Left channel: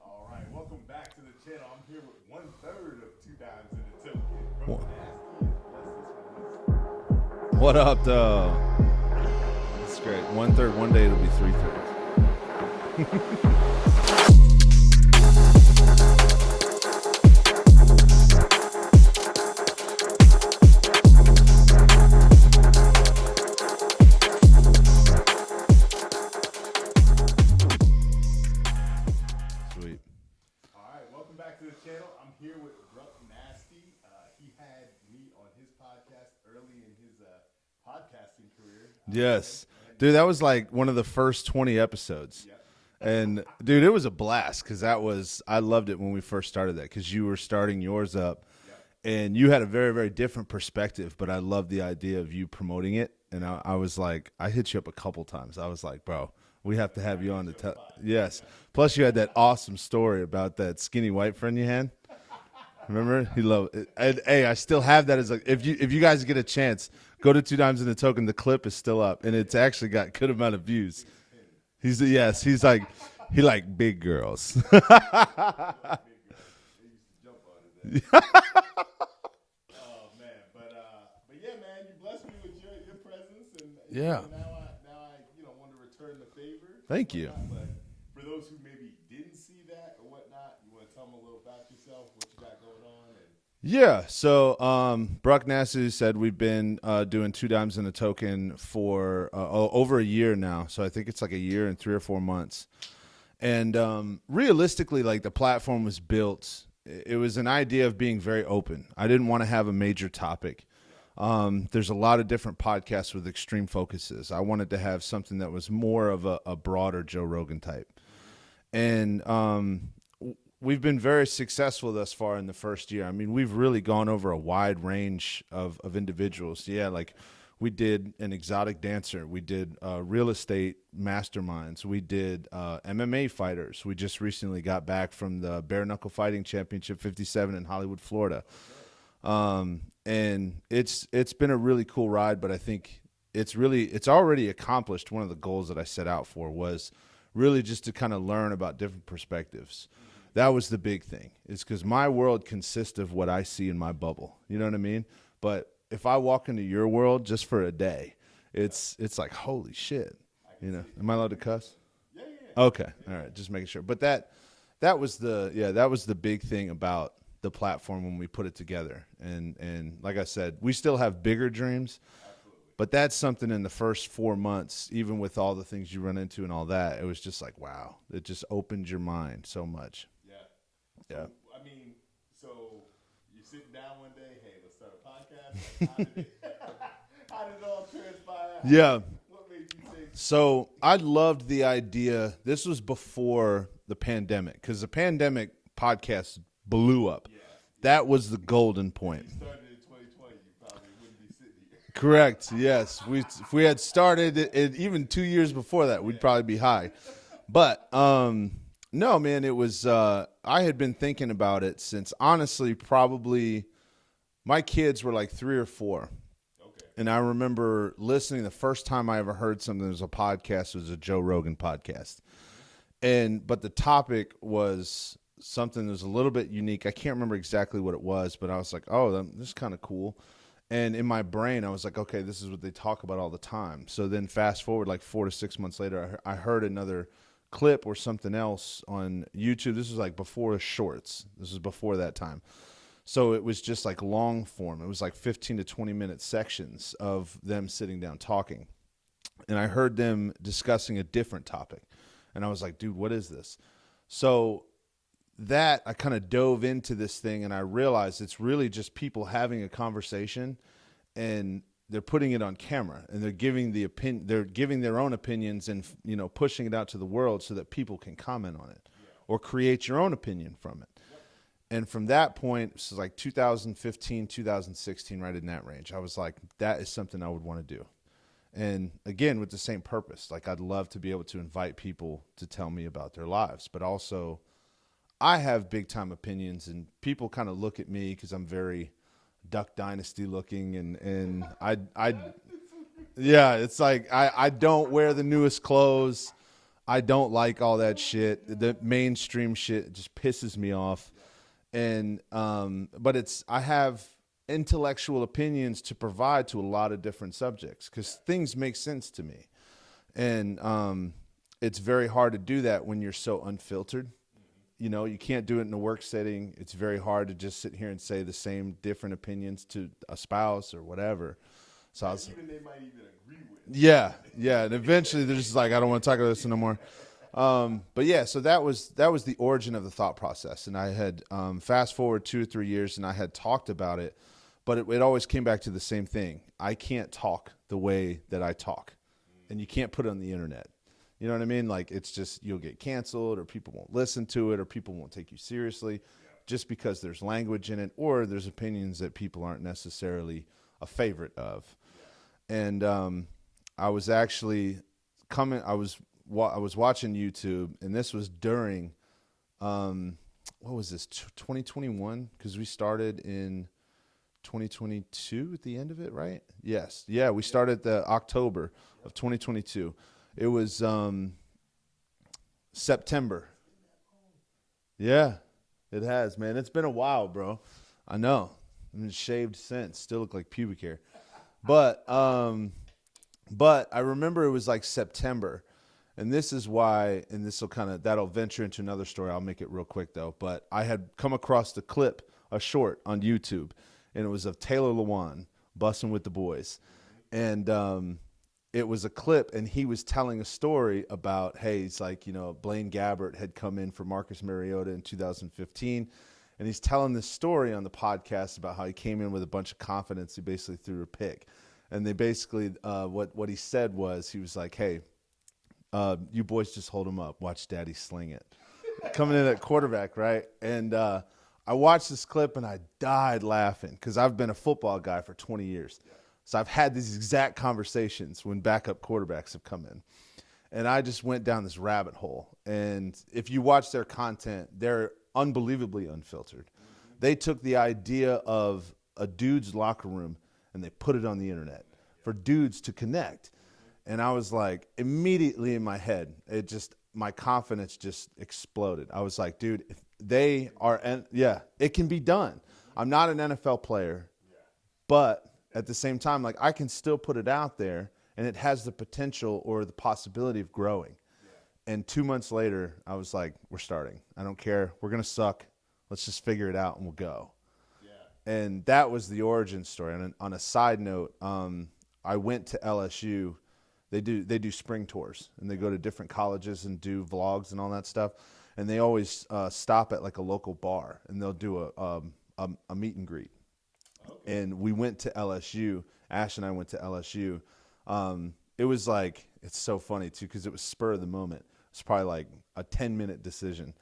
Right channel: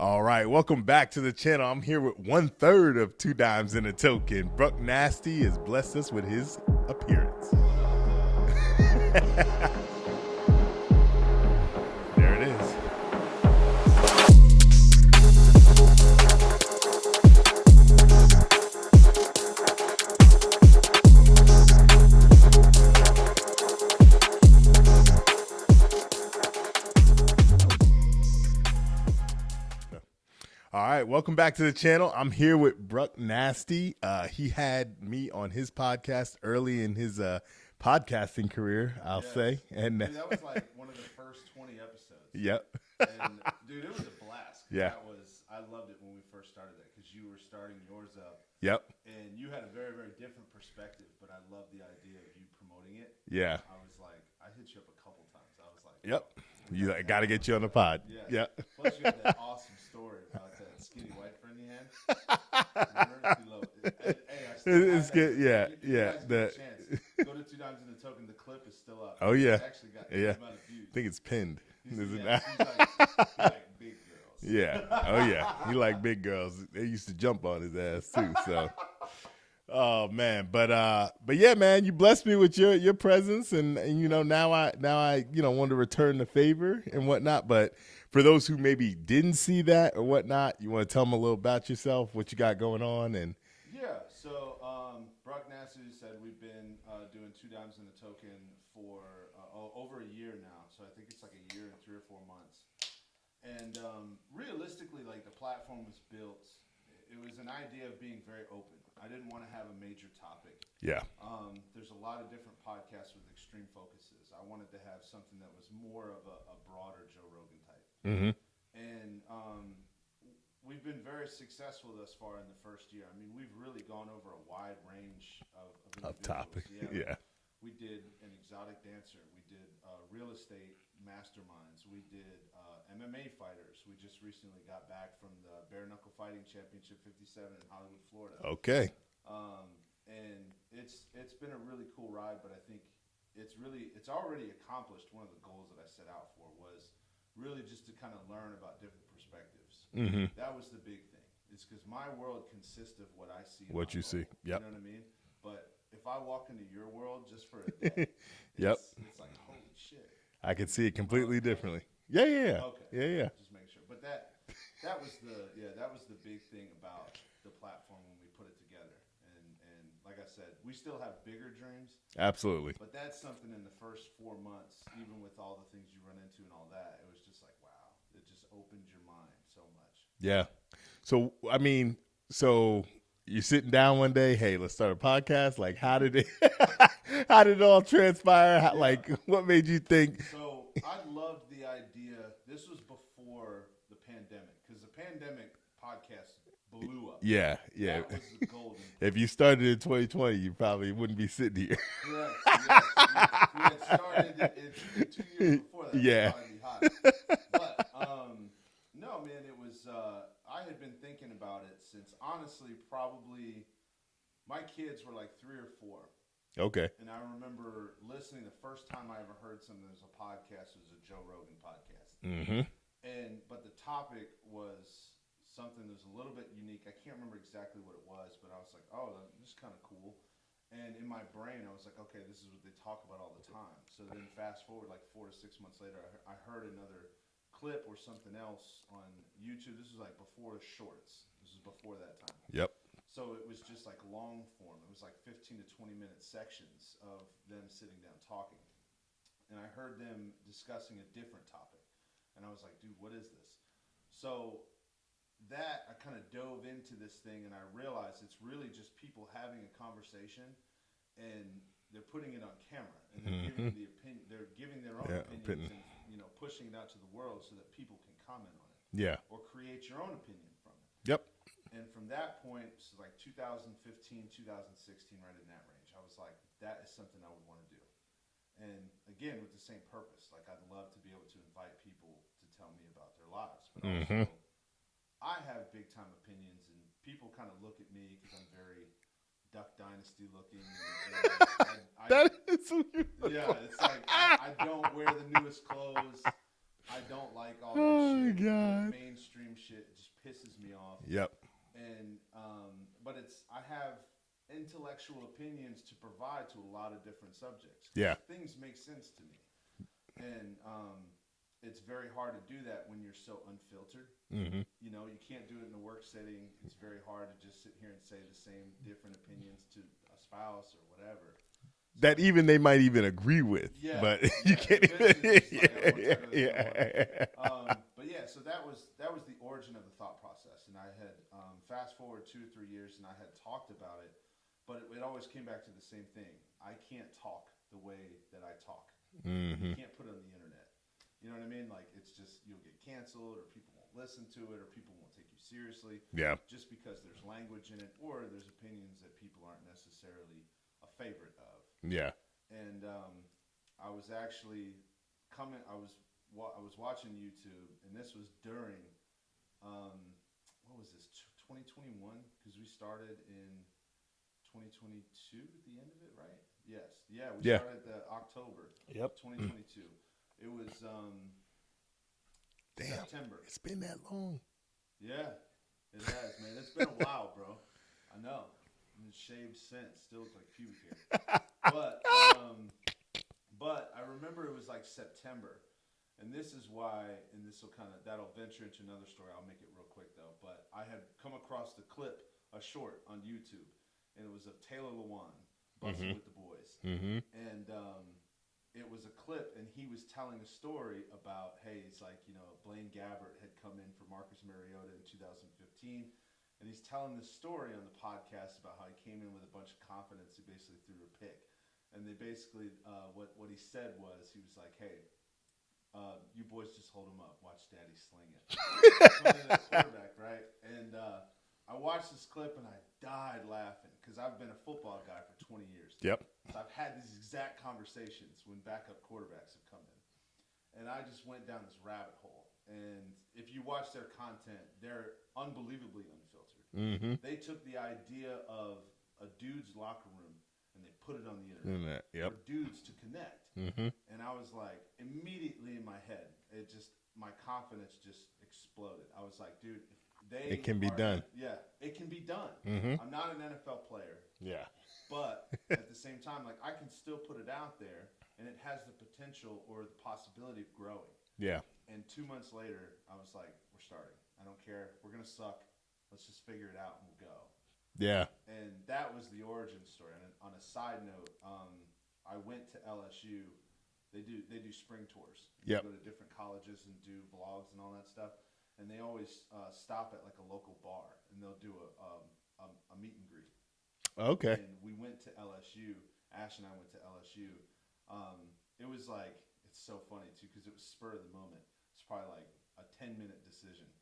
All right, welcome back to the channel. I'm here with 1/3 of 2 Dimes in a Token. Bruck Nasty has blessed us with his appearance. What up, dog? That's great. 1/3, one day it'll be 3/3. There it is. All right, welcome back to the channel. I'm here with Bruck Nasty. He had me on his podcast early in his podcasting career, I'll say. And, dude, that was like one of the first 20 episodes. Yep. And, dude, it was a blast because I loved it when we first started that because you were starting yours up. Yep. And you had a very, very different perspective, but I loved the idea of you promoting it. Yeah. And I was like, I hit you up a couple times. I was like, bro. Yep. We have to gotta get you on the pod. Yes. Yep. Plus, you had that awesome story about that skinny white friend you had. Remember? He loved it. And, hey, I still have that. As if you guys get a chance, go to 2 Dimes in a Token. The clip is still up, and it's actually got good amount of views. I think it's pinned. He's like he like big girls. Yeah. Oh yeah. He like big girls. They used to jump on his ass too. So. Oh man, but yeah, man, you blessed me with your presence, and you know now I want to return the favor and whatnot. But for those who maybe didn't see that or whatnot, you want to tell them a little about yourself, what you got going on, and so Bruck Nasty said we've been doing 2 Dimes in a Token for over a year now. So I think it's like a year and 3 or 4 months, and realistically, like the platform was built. It was an idea of being very open. I didn't want to have a major topic. Yeah. There's a lot of different podcasts with extreme focuses. I wanted to have something that was more of a broader Joe Rogan type. Mm-hmm. And we've been very successful thus far in the first year. I mean, we've really gone over a wide range of individuals. We did an exotic dancer. We did real estate masterminds. We did MMA fighters. We just recently got back from the Bare Knuckle Fighting Championship 57 in Hollywood, Florida. Okay. And it's been a really cool ride, but I think it's already accomplished. One of the goals that I set out for was really just to kind of learn about different perspectives. Mm-hmm. That was the big thing, is because my world consists of what I see in my bubble. Yep. You know what I mean? But if I walk into your world just for a day, it's like, holy shit. I can see it completely differently. Yeah. Okay. Yeah. Right, just making sure. But that was the big thing about the platform when we put it together. And like I said, we still have bigger dreams. Absolutely. But that's something in the first 4 months, even with all the things you run into and all that, it was just like, wow, it just opened your mind so much. Yeah. So, I mean, you're sitting down one day, hey, let's start a podcast. Like, how did it all transpire? Like, what made you think? So I loved the idea. This was before the pandemic, because the pandemic podcast blew up. Yeah. That was the golden point. If you started in 2020, you probably wouldn't be sitting here. Correct. Yes. If we had started it even 2 years before that, we'd probably be high. But no, man, it was I had been thinking about it since, honestly, probably my kids were like 3 or 4. Okay. And I remember listening, the first time I ever heard something that was a podcast was a Joe Rogan podcast. Mm-hmm. But the topic was something that was a little bit unique. I can't remember exactly what it was, but I was like, oh, this is kind of cool. And in my brain, I was like, okay, this is what they talk about all the time. So then fast forward like 4 to 6 months later, I heard another clip or something else on YouTube. This was like before shorts. This was before that time. Yep. So it was just like long form. It was like 15 to 20 minute sections of them sitting down talking. And I heard them discussing a different topic. And I was like, dude, what is this? So that I kind of dove into this thing, and I realized it's really just people having a conversation, and they're putting it on camera, and they're giving they're giving their own opinions, and pushing it out to the world so that people can comment on it. Yeah. Or create your own opinion from it. Yep. And from that point, this is like 2015, 2016, right in that range, I was like, that is something I would want to do. And again, with the same purpose, like I'd love to be able to invite people to tell me about their lives, but also I have big time opinions, and people kind of look at me because I'm very Duck Dynasty looking, and I it's like I don't wear the newest clothes. I don't like all that shit. God. The mainstream shit just pisses me off. Yep. And but I have intellectual opinions to provide to a lot of different subjects because things make sense to me. And it's very hard to do that when you're so unfiltered. Mm-hmm. You know, you can't do it in a work setting. It's very hard to just sit here and say the same different opinions to a spouse or whatever. So that even they might even agree with. Yeah, yeah. And eventually, they're just like, I don't want to talk about this anymore. But yeah, so that was the origin of the thought process. And I had fast forward 2 or 3 years, and I had talked about it, but it always came back to the same thing. I can't talk the way that I talk, and you can't put it on the internet. You know what I mean? Like, it's just, you'll get canceled, or people won't listen to it, or people won't take you seriously. Yeah. Just because there's language in it, or there's opinions that people aren't necessarily a favorite of. Yeah. And I was actually I was watching YouTube, and this was during what was this, 2021? Because we started in 2022 at the end of it, right? Yes. Yeah, we started the October of 2022. It was September. It's been that long. Yeah, it has, man. It's been a while, bro. I know. I've been shaved since. Still look like pubic hair. But I remember it was like September. And this is why, and that'll venture into another story. I'll make it real quick, though. But I had come across the clip, a short on YouTube, and it was of Taylor Lewan busting with the boys. And it was a clip, and he was telling a story about, hey, he's like, you know, Blaine Gabbert had come in for Marcus Mariota in 2015, and he's telling this story on the podcast about how he came in with a bunch of confidence. He basically threw a pick, and they basically, what he said was, he was like, hey, you boys just hold him up. Watch Daddy sling it. Coming in at quarterback, right? And I watched this clip, and I died laughing because I've been a football guy for 20 years. Yep. So I've had these exact conversations when backup quarterbacks have come in. And I just went down this rabbit hole. And if you watch their content, they're unbelievably unfiltered. They took the idea of a dude's locker room and they put it on the internet for dudes to connect. And I was like, immediately in my head, my confidence just exploded. I was like, dude, if they it can be done. I'm not an NFL player. Yeah. But at the same time, like, I can still put it out there, and it has the potential or the possibility of growing. Yeah. And 2 months later, I was like, we're starting. I don't care. We're going to suck. Let's just figure it out, and we'll go. Yeah. And that was the origin story. And on a side note, I went to LSU. They do spring tours, and they go to different colleges and do vlogs and all that stuff. And they always stop at, like, a local bar, and they'll do a meet and greet. Okay. And we went to LSU. Ash and I went to LSU. It was like, it's so funny too, because it was spur of the moment. It's probably like a 10-minute decision.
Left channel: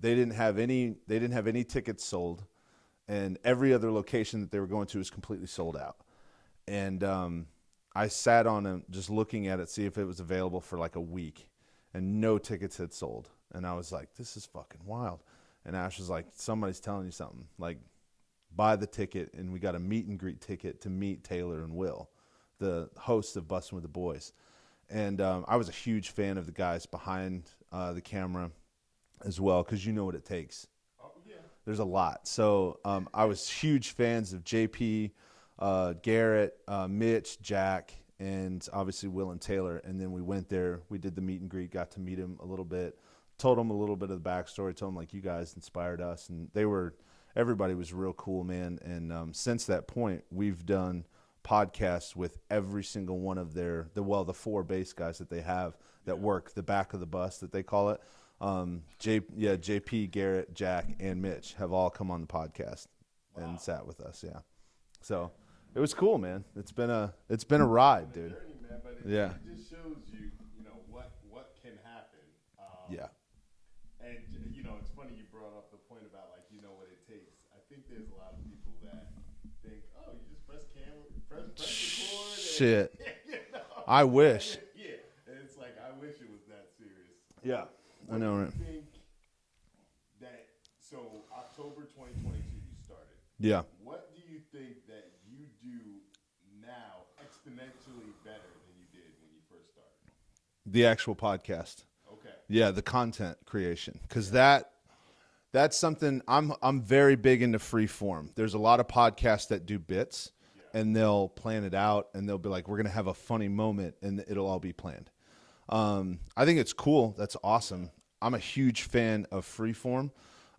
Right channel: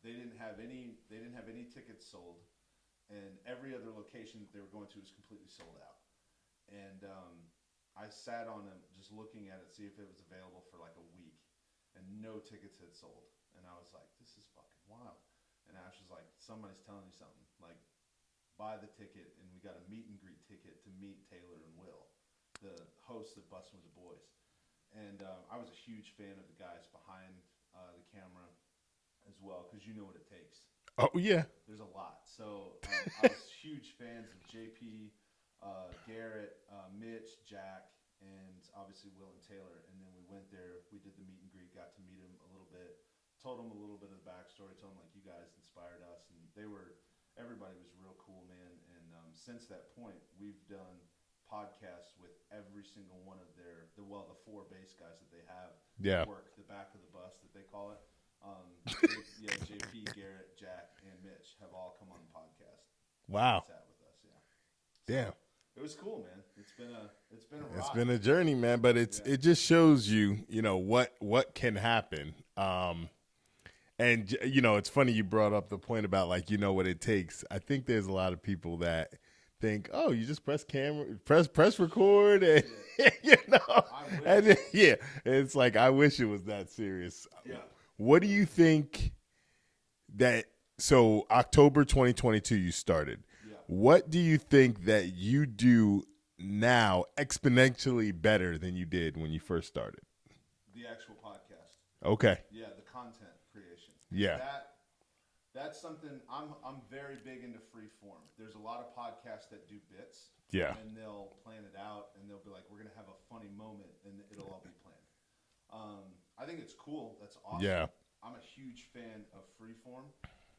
They didn't have any tickets sold, and every other location that they were going to was completely sold out. And I sat on it, just looking at it, see if it was available for like a week, and no tickets had sold. And I was like, this is fucking wild. And Ash was like, somebody's telling you something. Like, buy the ticket, and we got a meet and greet ticket to meet Taylor and Will, the hosts of Bustin' with the Boys. And I was a huge fan of the guys behind the camera as well, because you know what it takes. Oh, yeah. There's a lot. So I was huge fans of JP, Garrett, Mitch, Jack, and obviously Will and Taylor. And then we went there. We did the meet and greet, got to meet him a little bit, told him a little bit of the backstory, told him, like, you guys inspired us. And everybody was real cool, man. And since that point, we've done podcasts with every single one of the 4 bass guys that they have that work the back of the bus, that they call it. JP, Garrett, Jack, and Mitch have all come on the podcast. Wow. And sat with us. Yeah. So it was cool, man. It's been a ride. It's been a journey, man, but it just shows you, what can happen. And, it's funny you brought up the point about, like, what it takes. I think there's a lot of people that think, oh, you just press record. And, shit. I wish. And it's like, I wish it was that serious. Yeah. What do you think so October 2022 you started. Yeah. What do you think that you do now exponentially better than you did when you first started? The actual podcast. Okay. Yeah, the content creation. Because Yeah. that's something I'm very big into free form. There's a lot of podcasts that do bits. Yeah. And they'll plan it out and they'll be like, we're going to have a funny moment and it'll all be planned. I think it's cool. That's awesome. Yeah. I'm a huge fan of free form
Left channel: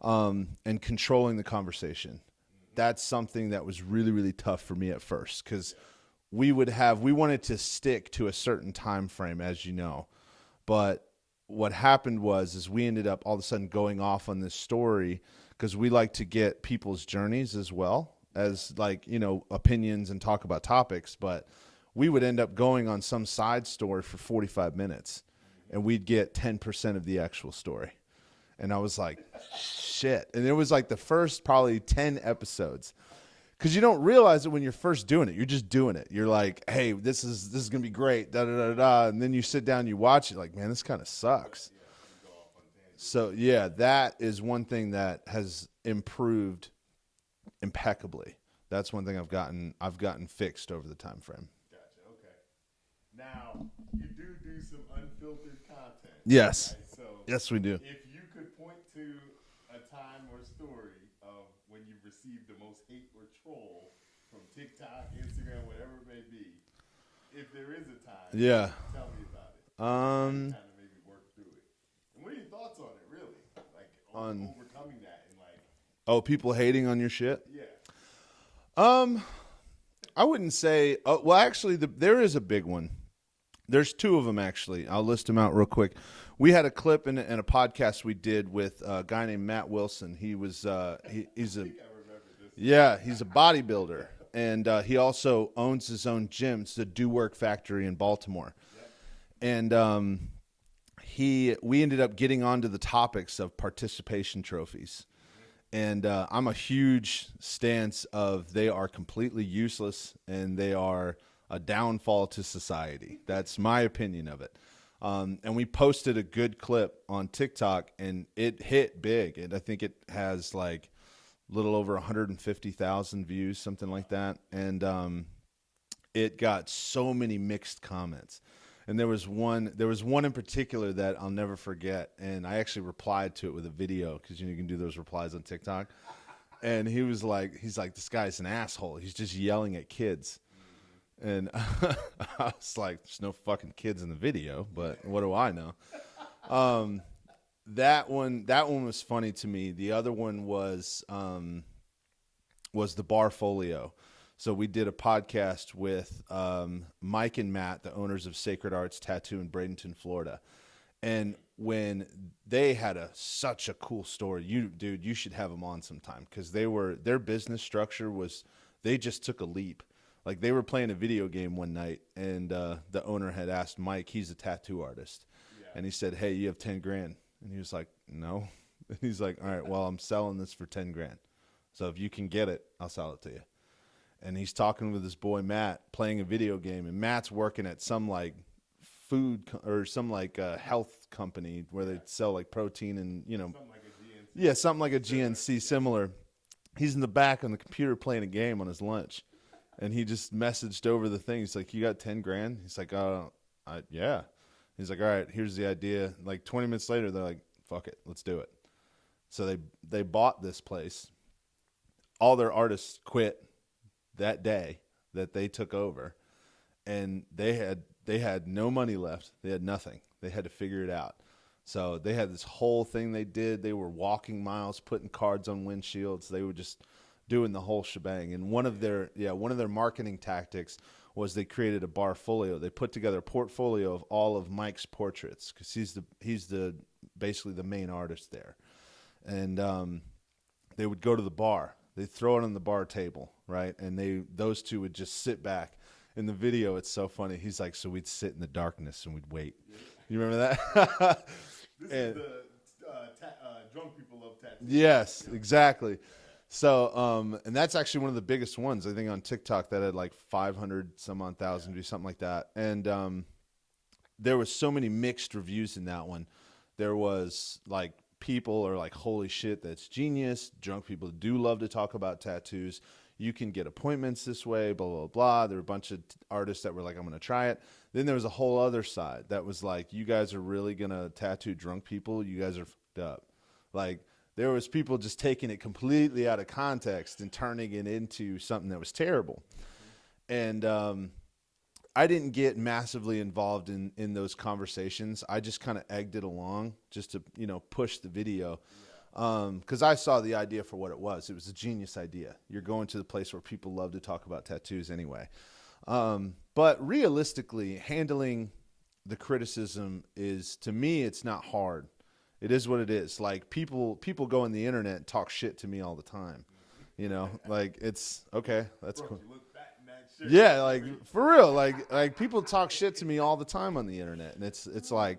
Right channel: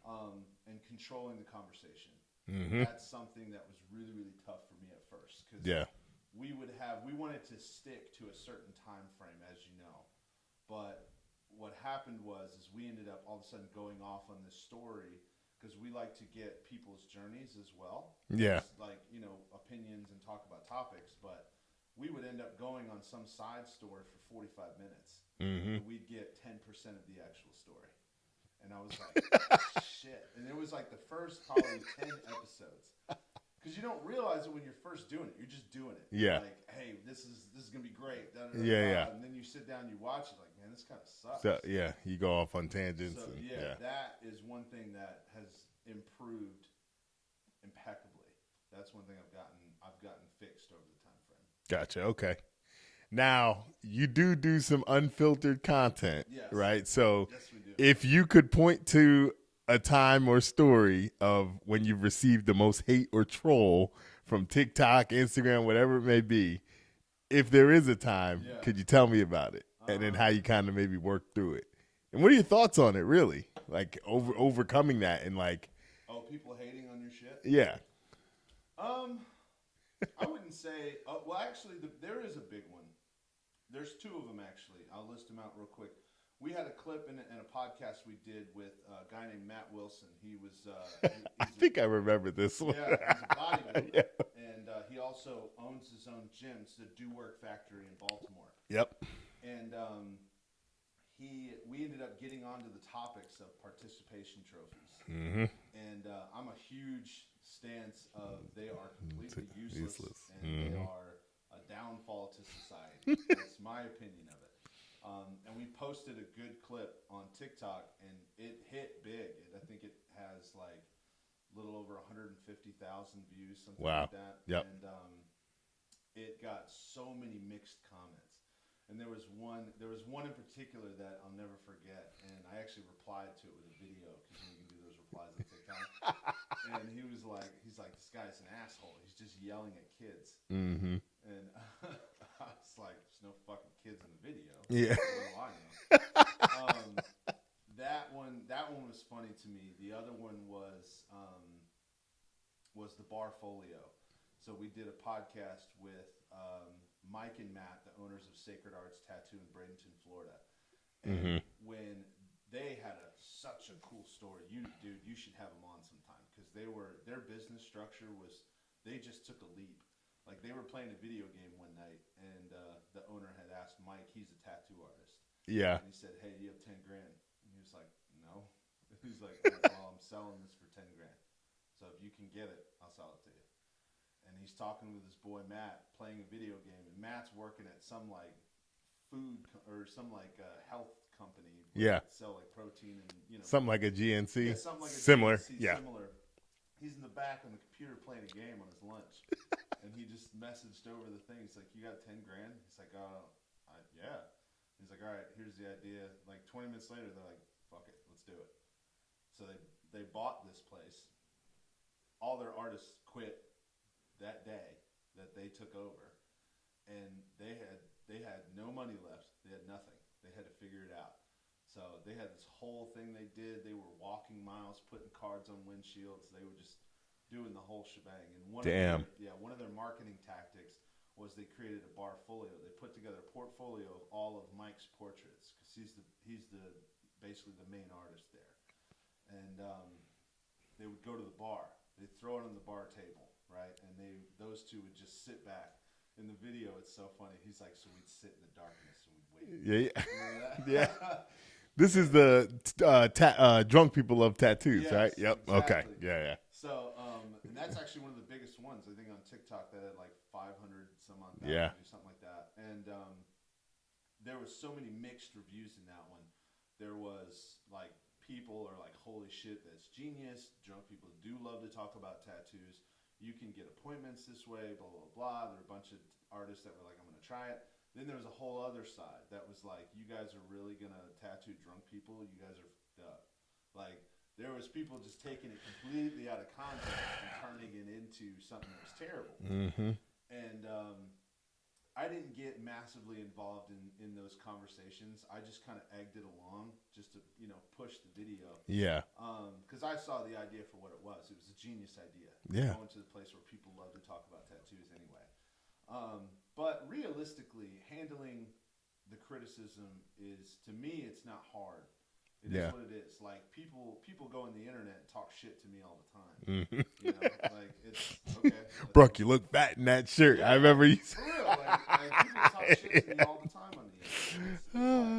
and controlling the conversation. Mm-hmm. That's something that was really, really tough for me at first because Yeah. we wanted to stick to a certain time frame, as you know. But what happened is we ended up all of a sudden going off on this story because we like to get people's journeys as well as like, you know, opinions and talk about topics. But we would end up going on some side story for 45 minutes and we'd get 10% of the actual story. And I was like, shit. And it was like the first probably 10 episodes. Because you don't realize it when you're first doing it. You're just doing it. You're like, hey, this is going to be great. Da, da, da, da. And then you sit down and you watch it like, man, this kind of sucks. So, yeah, you go off on tangents. So, that is one thing that has improved impeccably. That's one thing I've gotten fixed over the time frame. Gotcha. Okay. Now, you do some unfiltered content. Yes. Right? So, Yes, we do. if you could point to a time or story of when you've received the most hate or troll from TikTok, Instagram, whatever it may be, if there is a time, could you tell me about it? And then how you kind of maybe work through it? And what are your thoughts on it, really? Like, overcoming that and like... Oh, people hating on your shit? Yeah. I wouldn't say... well, actually, there is a big one. There's two of them, actually. I'll list them out real quick. We had a clip in a podcast we did with a guy named Matt Wilson. He was he's I think I remember this one. Yeah, he's a bodybuilder, and he also owns his own gym. It's the Do Work Factory in Baltimore. Yep. And we ended up getting onto the topics of participation trophies. Mm-hmm. And I'm a huge stance of they are completely useless. And they are a downfall to society. That's my opinion of it. And we posted a good clip on TikTok, and it hit big. And I think it has like a little over 150,000 views, something like that. Yep. And it got so many mixed comments. And there was one in particular that I'll never forget. And I actually replied to it with a video because you can do those replies on TikTok. And he's like, this guy's an asshole. He's just yelling at kids. Mm-hmm. And I was like, there's no fucking kids in the video. But what do I know? That one was funny to me. The other one was the bar folio. So we did a podcast with Mike and Matt, the owners of Sacred Arts Tattoo in Bradenton, Florida. And when they had such a cool story, you should have them on sometime because their business structure was, they just took a leap. Like they were playing a video game one night and the owner had asked Mike, he's a tattoo artist. Yeah. And he said, hey, you have 10 grand. And he was like, no. And he's like, all right, well, I'm selling this for 10 grand. So if you can get it, I'll sell it to you. And he's talking with his boy Matt, playing a video game, and Matt's working at some like food or some like health company where they sell like protein and something like a GNC. Yeah, something like a GNC similar. He's in the back on the computer playing a game on his lunch, and he just messaged over the thing. He's like, "You got 10 grand?" He's like, yeah." He's like, "All right, here's the idea." Like 20 minutes later, they're like, "Fuck it, let's do it." So they bought this place. All their artists quit that day that they took over, and they had no money left. They had nothing. They had to figure it out. So they had this whole thing they did. They were walking miles, putting cards on windshields. They were just doing the whole shebang. And one of their marketing tactics was they created a bar folio. They put together a portfolio of all of Mike's portraits because he's the basically the main artist there. And they would go to the bar. They'd throw it on the bar table, right? And those two would just sit back. In the video, it's so funny. He's like, so we'd sit in the darkness and we'd wait. Yeah. You remember that? Yeah. This is the drunk people love tattoos. Yes, right? Yep. Exactly. Okay. Yeah. So, and that's actually one of the biggest ones, I think, on TikTok that had like 500 some odd thousand views, something like that. And there was so many mixed reviews in that one. There was like people are like, holy shit, that's genius. Drunk people do love to talk about tattoos. You can get appointments this way, blah, blah, blah. There were a bunch of artists that were like, I'm going to try it. Then there was a whole other side that was like, you guys are really going to tattoo drunk people? You guys are fucked up. Like, there was people just taking it completely out of context and turning it into something that was terrible. Mm-hmm. And I didn't get massively involved in those conversations. I just kind of egged it along just to, push the video. Yeah. Because I saw the idea for what it was. It was a genius idea. You're Yeah. going to the place where people love to talk about tattoos anyway. But realistically, handling the criticism is, to me, it's not hard. It is what it is. Like, people go on the internet and talk shit to me all the time. Like, it's okay. Bruck, cool. you look fat in that shirt. Yeah, I remember like, for real. Like people talk shit to me all the time on the internet, and it's like,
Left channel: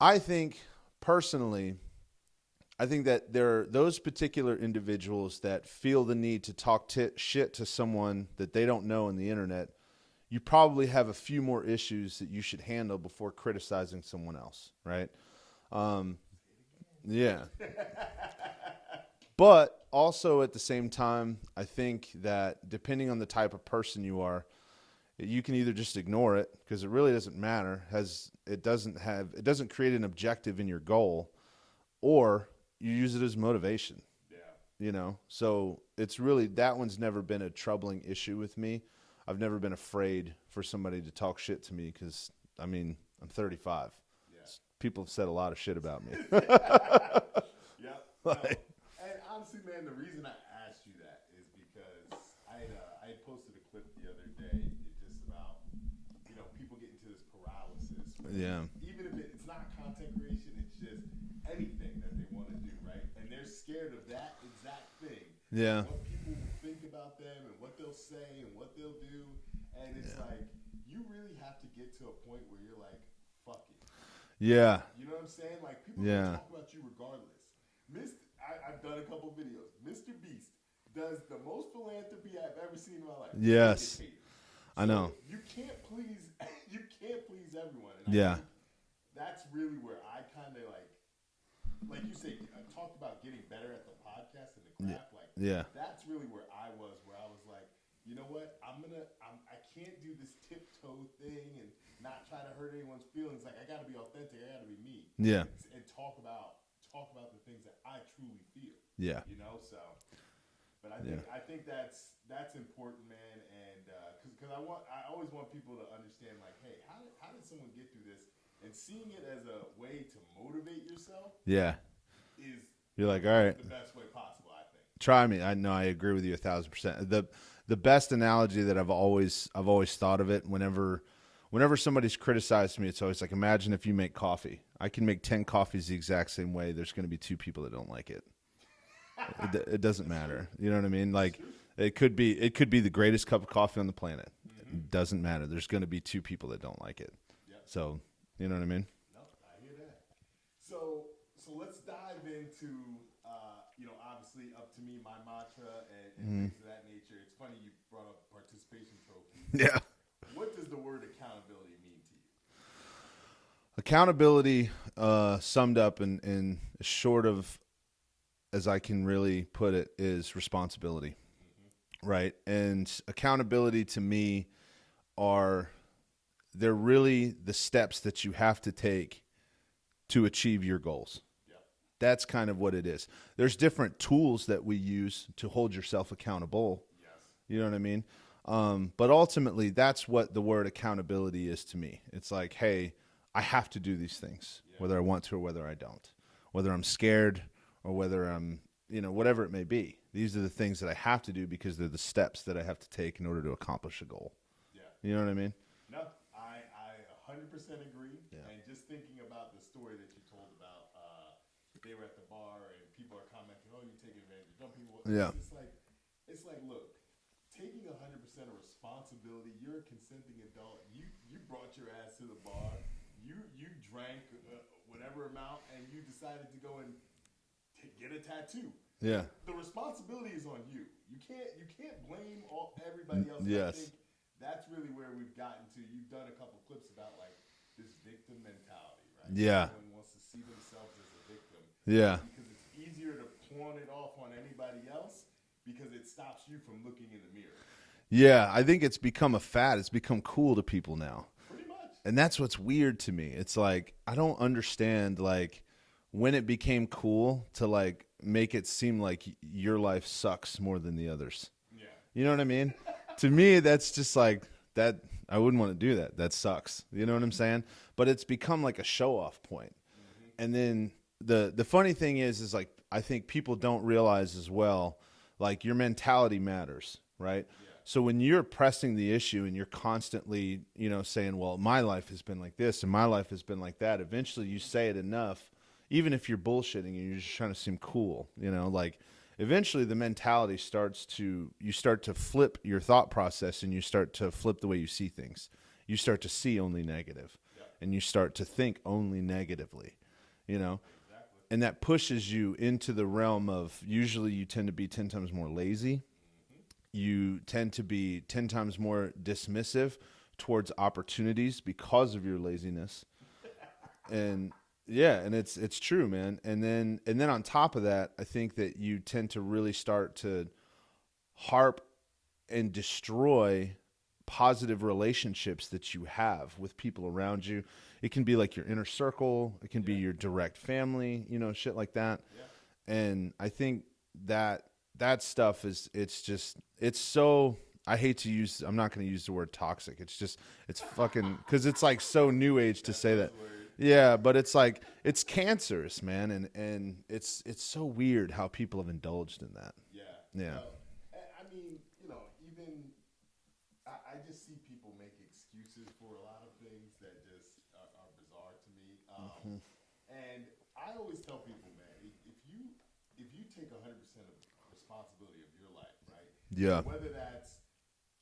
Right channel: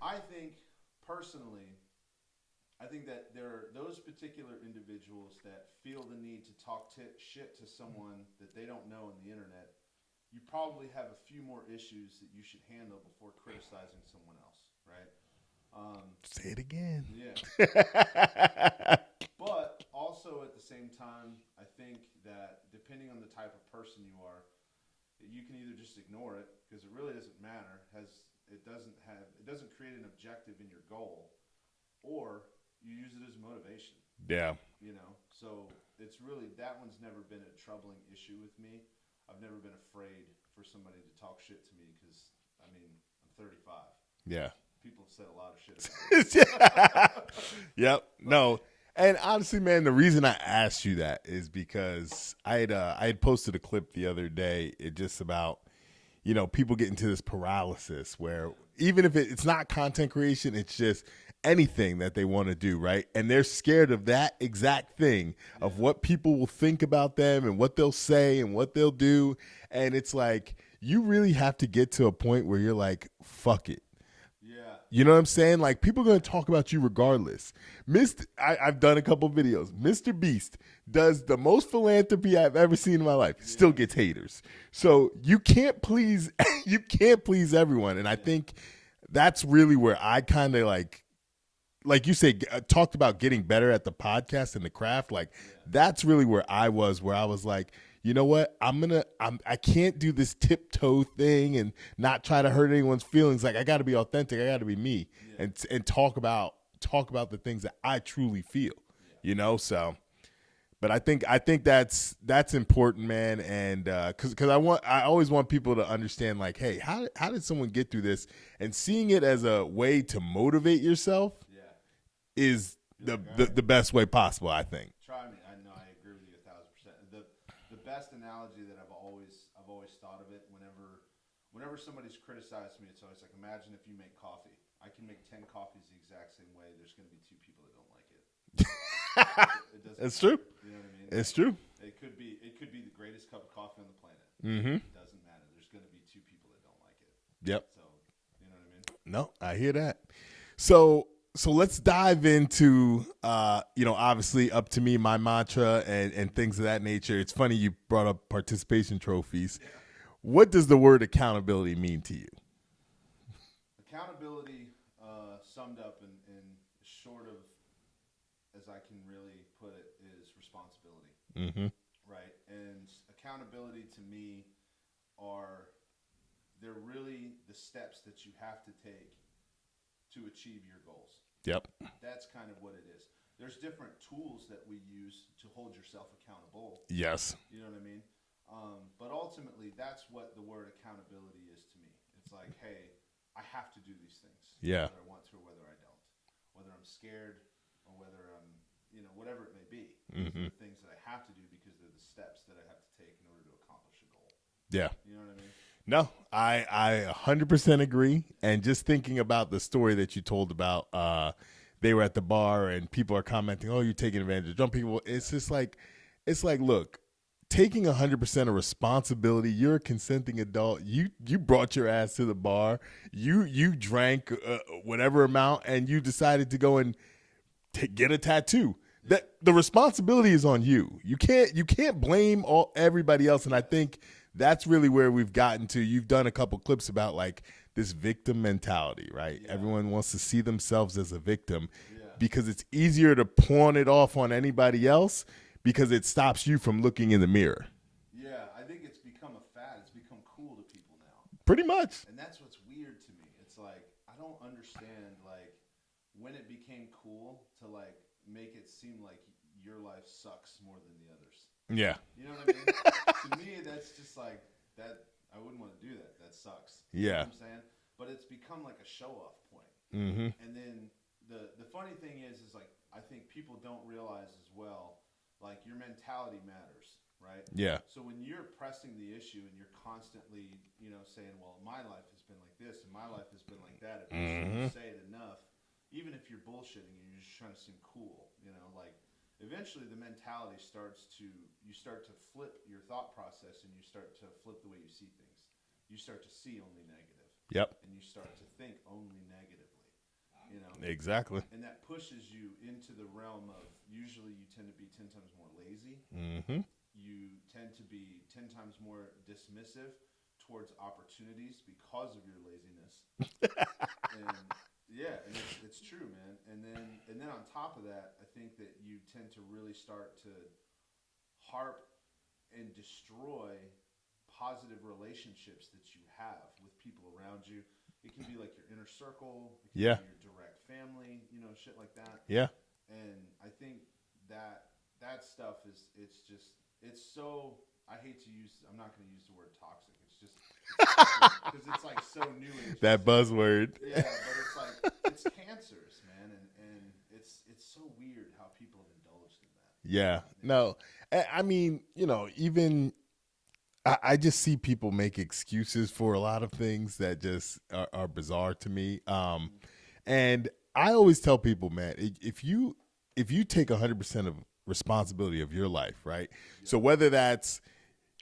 I think personally, that there are those particular individuals that feel the need to talk shit to someone that they don't know on the internet. You probably have a few more issues that you should handle before criticizing someone else, right? Say it again. Yeah. But also at the same time, I think that depending on the type of person you are, you can either just ignore it because it really doesn't matter, it doesn't create an objective in your goal, or you use it as motivation. Yeah. So it's really, that one's never been a troubling issue with me. I've never been afraid for somebody to talk shit to me because, I'm 35. Yeah. People have said a lot of shit about me. Yep. No. And honestly, man, the reason I asked you that is because I had posted a clip the other day. It just about, people get into this paralysis where even if it's not content creation, it's just anything that they want to do, right? And they're scared of that exact thing, of what people will think about them and what they'll say and what they'll do. And it's like, you really have to get to a point where you're like, fuck it. Yeah. You know what I'm saying? Like, people are going to talk about you regardless. I've done a couple videos. Mr. Beast does the most philanthropy I've ever seen in my life. Yes. Still gets haters. So you can't please everyone. And I think that's really where I kind of like you say, talked about getting better at the podcast and the craft. Like, that's really where I was like, you know what? I can't do this tiptoe thing and not try to hurt anyone's feelings. Like, I got to be authentic. I got to be me. Yeah. And talk about the things that I truly feel. Yeah. So, but I think that's important, man. And because I always want people to understand, like, hey, how did someone get through this? And seeing it as a way to motivate yourself. Is the best way possible, I think. Try me. I know. I agree with you 1,000%. The best analogy that I've always thought of it, whenever somebody's criticized me, it's always like, imagine if you make coffee. I can make 10 coffees the exact same way. There's going to be 2 people that don't like it. It doesn't matter. True. You know what I mean? That's true. It could be the greatest cup of coffee on the planet. Mm-hmm. It doesn't matter. There's going to be 2 people that don't like it. Yep. So, you know what I mean? No, I hear that. So let's dive into, obviously UP2ME, my mantra, and things of that nature. It's funny you brought up participation trophies. Yeah. What does the word accountability mean to you? Accountability, summed up in as short of as I can really put it, is responsibility. Mm-hmm. Right? And accountability to me they're really the steps that you have to take to achieve your goals. Yep. That's kind of what it is. There's different tools that we use to hold yourself accountable. Yes. You know what I mean? But ultimately, that's what the word accountability is to me. It's like, hey, I have to do these things, whether I want to or whether I don't, whether I'm scared or whether I'm, whatever it may be. These are the things that I have to do because they're the steps that I have to take in order to accomplish a goal. Yeah. You know what I mean? No, I 100% agree. Yeah. And just thinking about the story that you told about, they were at the bar and people are commenting, oh, you're taking advantage of drunk people. It's just like, look, taking 100% of responsibility. You're a consenting adult. You brought your ass to the bar. You drank whatever amount, and you decided to go and get a tattoo. Yeah. The responsibility is on you. You can't blame everybody else. And I think that's really where we've gotten to. You've done a couple clips about like this victim mentality, right? Yeah. Everyone wants to see themselves as a victim. Yeah. Because it's easier to pawn it off on anybody else because it stops you from looking in the mirror. Yeah, I think it's become a fad. It's become cool to people now. Pretty much. And that's what's weird to me. It's like, I don't understand, like, when it became cool to, like, make it seem like your life sucks more than the others. Yeah. You know what I mean? To me, that's just like, that. I wouldn't want to do that. That sucks. You know what I'm saying? But it's become like a show-off point. Mm-hmm. And then the funny thing is like, I think people don't realize as well, like, your mentality matters, right? Yeah. So when you're pressing the issue and you're constantly, you know, saying, well, my life has been like this and my life has been like that, eventually you say it enough, even if you're bullshitting and you're just trying to seem cool, you know, like, eventually the mentality you start to flip your thought process, and you start to flip the way you see things. You start to see only negative. Yep. And you start to think only negatively, you know? Exactly. And that pushes you into the realm of, usually you tend to be 10 times more lazy. Mm-hmm. You tend to be 10 times more dismissive towards opportunities because of your laziness. And yeah, and it's true, man. And then on top of that, I think that you tend to really start to harp and destroy positive relationships that you have with people around you. It can be like your inner circle. It can be your direct family, you know, shit like that. Yeah. And I think that stuff it's so, I hate to use, I'm not going to use the word toxic. It's fucking, because it's like so new age. That buzzword. Yeah, but it's like, it's cancerous, man. And it's so weird how people have indulged in that. Yeah. No, I mean, you know, even I just see people make excuses for a lot of things that just are bizarre to me. And I always tell people, man, if you take 100% of responsibility of your life, right? Yeah. So whether that's,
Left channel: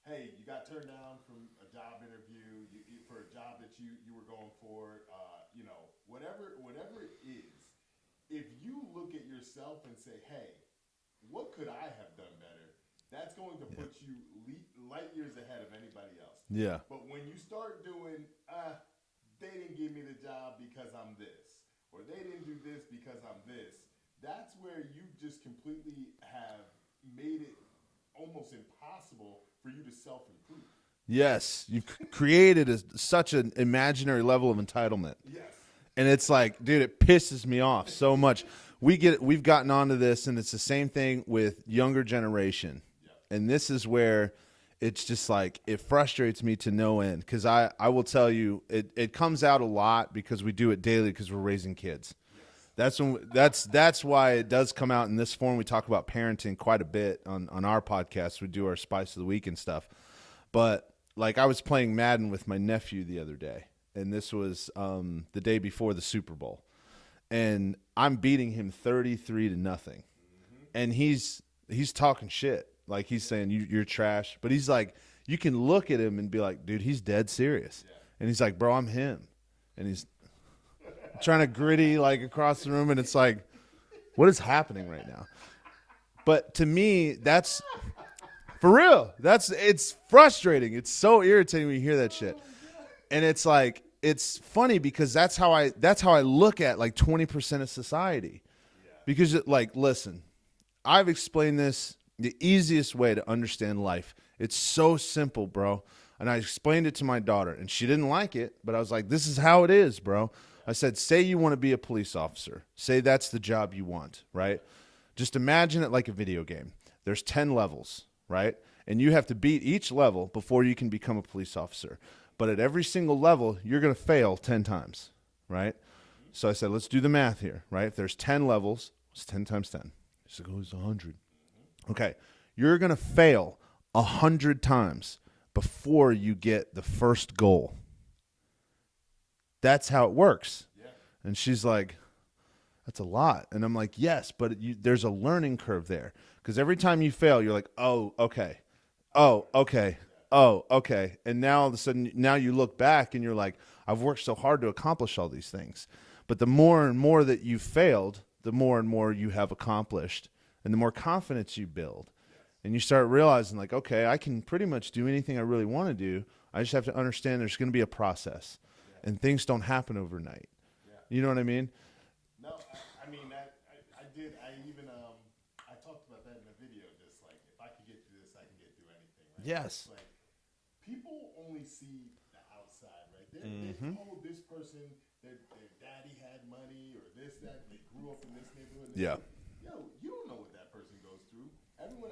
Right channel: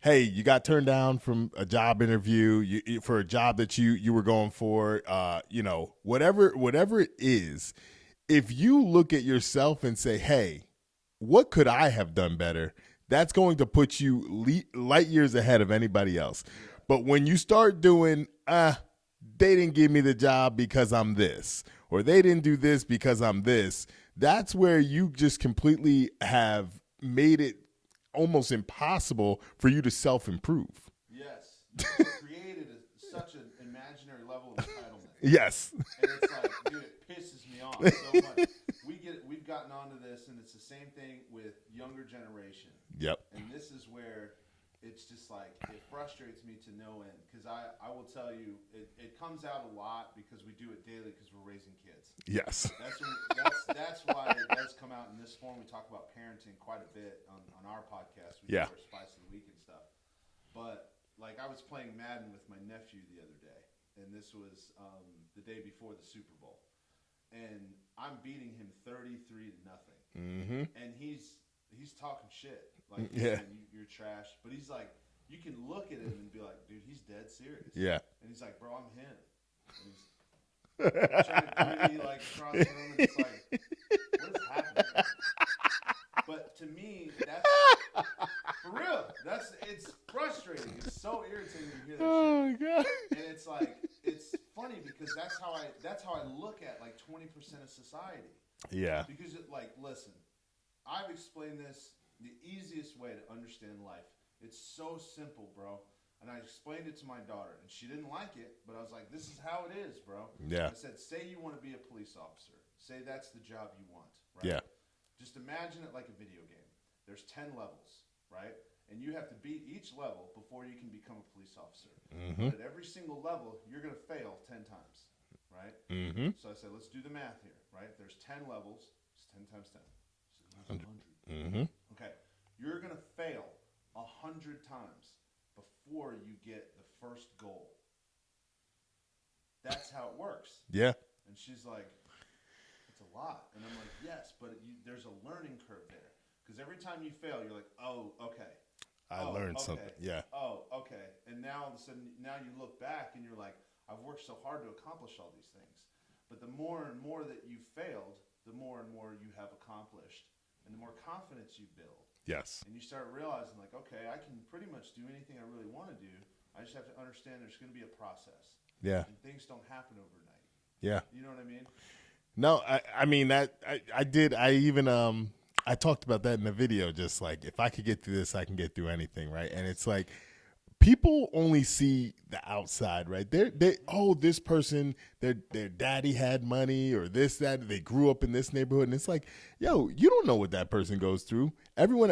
hey, you got turned down from a job interview for a job that you were going for, you know, whatever it is, if you look at yourself and say, hey, what could I have done better? That's going to put you light years ahead of anybody else. Yeah. But when you start doing, they didn't give me the job because I'm this, or they didn't do this because I'm this, that's where you just completely have made it almost impossible for you to self-improve. Yes. You created such an imaginary level of entitlement. Yes. And it's like, dude, it pisses me off so much. We've gotten onto this, and it's the same thing with younger generation. Yep. And this is where it's just like, it frustrates me to no end, because I will tell you, it comes out a lot because we do it daily because we're raising kids. Yes. That's why it does come out in this form. We talk about parenting quite a bit on our podcast. We do our Spice of the Week and stuff. But like, I was playing Madden with my nephew the other day, and this was the day before the Super Bowl, and I'm beating him 33-0, and he's talking shit, like he's saying you're trash, but he's like, you can look at him and be like, dude, he's dead serious. Yeah, and he's like, bro, I'm him, and he's trying to gritty like across the room, and it's like, what is happening right now? But to me, that's. For real, it's frustrating. It's so irritating when you hear that shit. God. And it's like, it's funny because that's how I look at like 20% of society. Yeah. Because like, listen, I've explained this the easiest way to understand life. It's so simple, bro. And I explained it to my daughter, and she didn't like it, but I was like, this is how it is, bro. Yeah. I said, say you want to be a police officer. Say that's the job you want, right? Yeah. Just imagine it like a video game. There's 10 levels. Right? And you have to beat each level before you can become a police officer. Mm-hmm. But at every single level, you're going to fail 10 times. Right? Mm-hmm. So I said, let's do the math here. Right? If there's 10 levels, it's 10 times 10. So it goes 100. Mm-hmm. Okay. You're going to fail 100 times before you get the first goal. That's how it works. Yeah. And she's like, that's a lot. And I'm like, yes, but there's a learning curve there. Because every time you fail, you're like, oh, okay. Oh, okay. Yeah. Oh, okay. And now all of a sudden, now you look back and you're like, I've worked so hard to accomplish all these things. But the more and more that you failed, the more and more you have accomplished, and the more confidence you build. Yes. And you start realizing, like, okay, I can pretty much do anything I really want to do. I just have to understand there's going to be a process. Yeah. And things don't happen overnight. Yeah. You know what I mean? No, I mean, that I did. I even I talked about that in the video, just like, if I could get through this, I can get through anything, right? Yes. And it's like, people only see the outside, right? They this person, their daddy had money, or this, that, they grew up in this neighborhood, and it's like, yo, you don't know what that person goes through. Everyone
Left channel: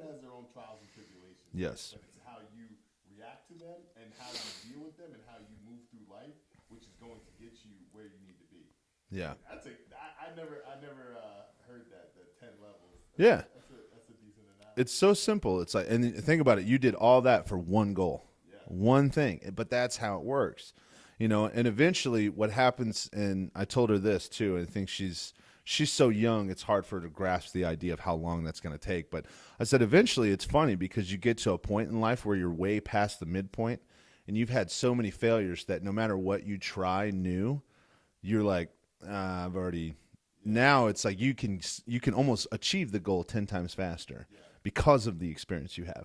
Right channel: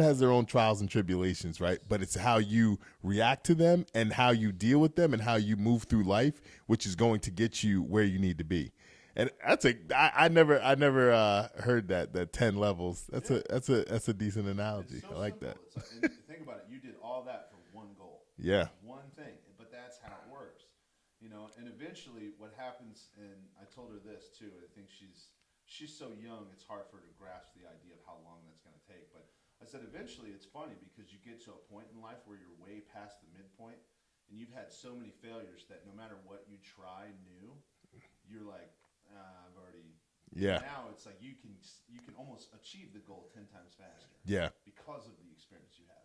has their own trials and tribulations, right? But it's how you react to them and how you deal with them and how you move through life, which is going to get you where you need to be. Yeah. And I never heard that 10 levels. That's a decent analogy. It's so simple. That. It's like, and think about it. You did all that for one goal. Yeah. One thing. But that's how it works. And eventually what happens, and I told her this too, I think she's so young, it's hard for her to grasp the idea of how long that's going to take. But I said, eventually it's funny because you get to a point in life where you're way past the midpoint and you've had so many failures that no matter what you try new, you're like, I've already. Yeah. Now it's like you can almost achieve the goal 10 times faster. Yeah. Because of the experience you have.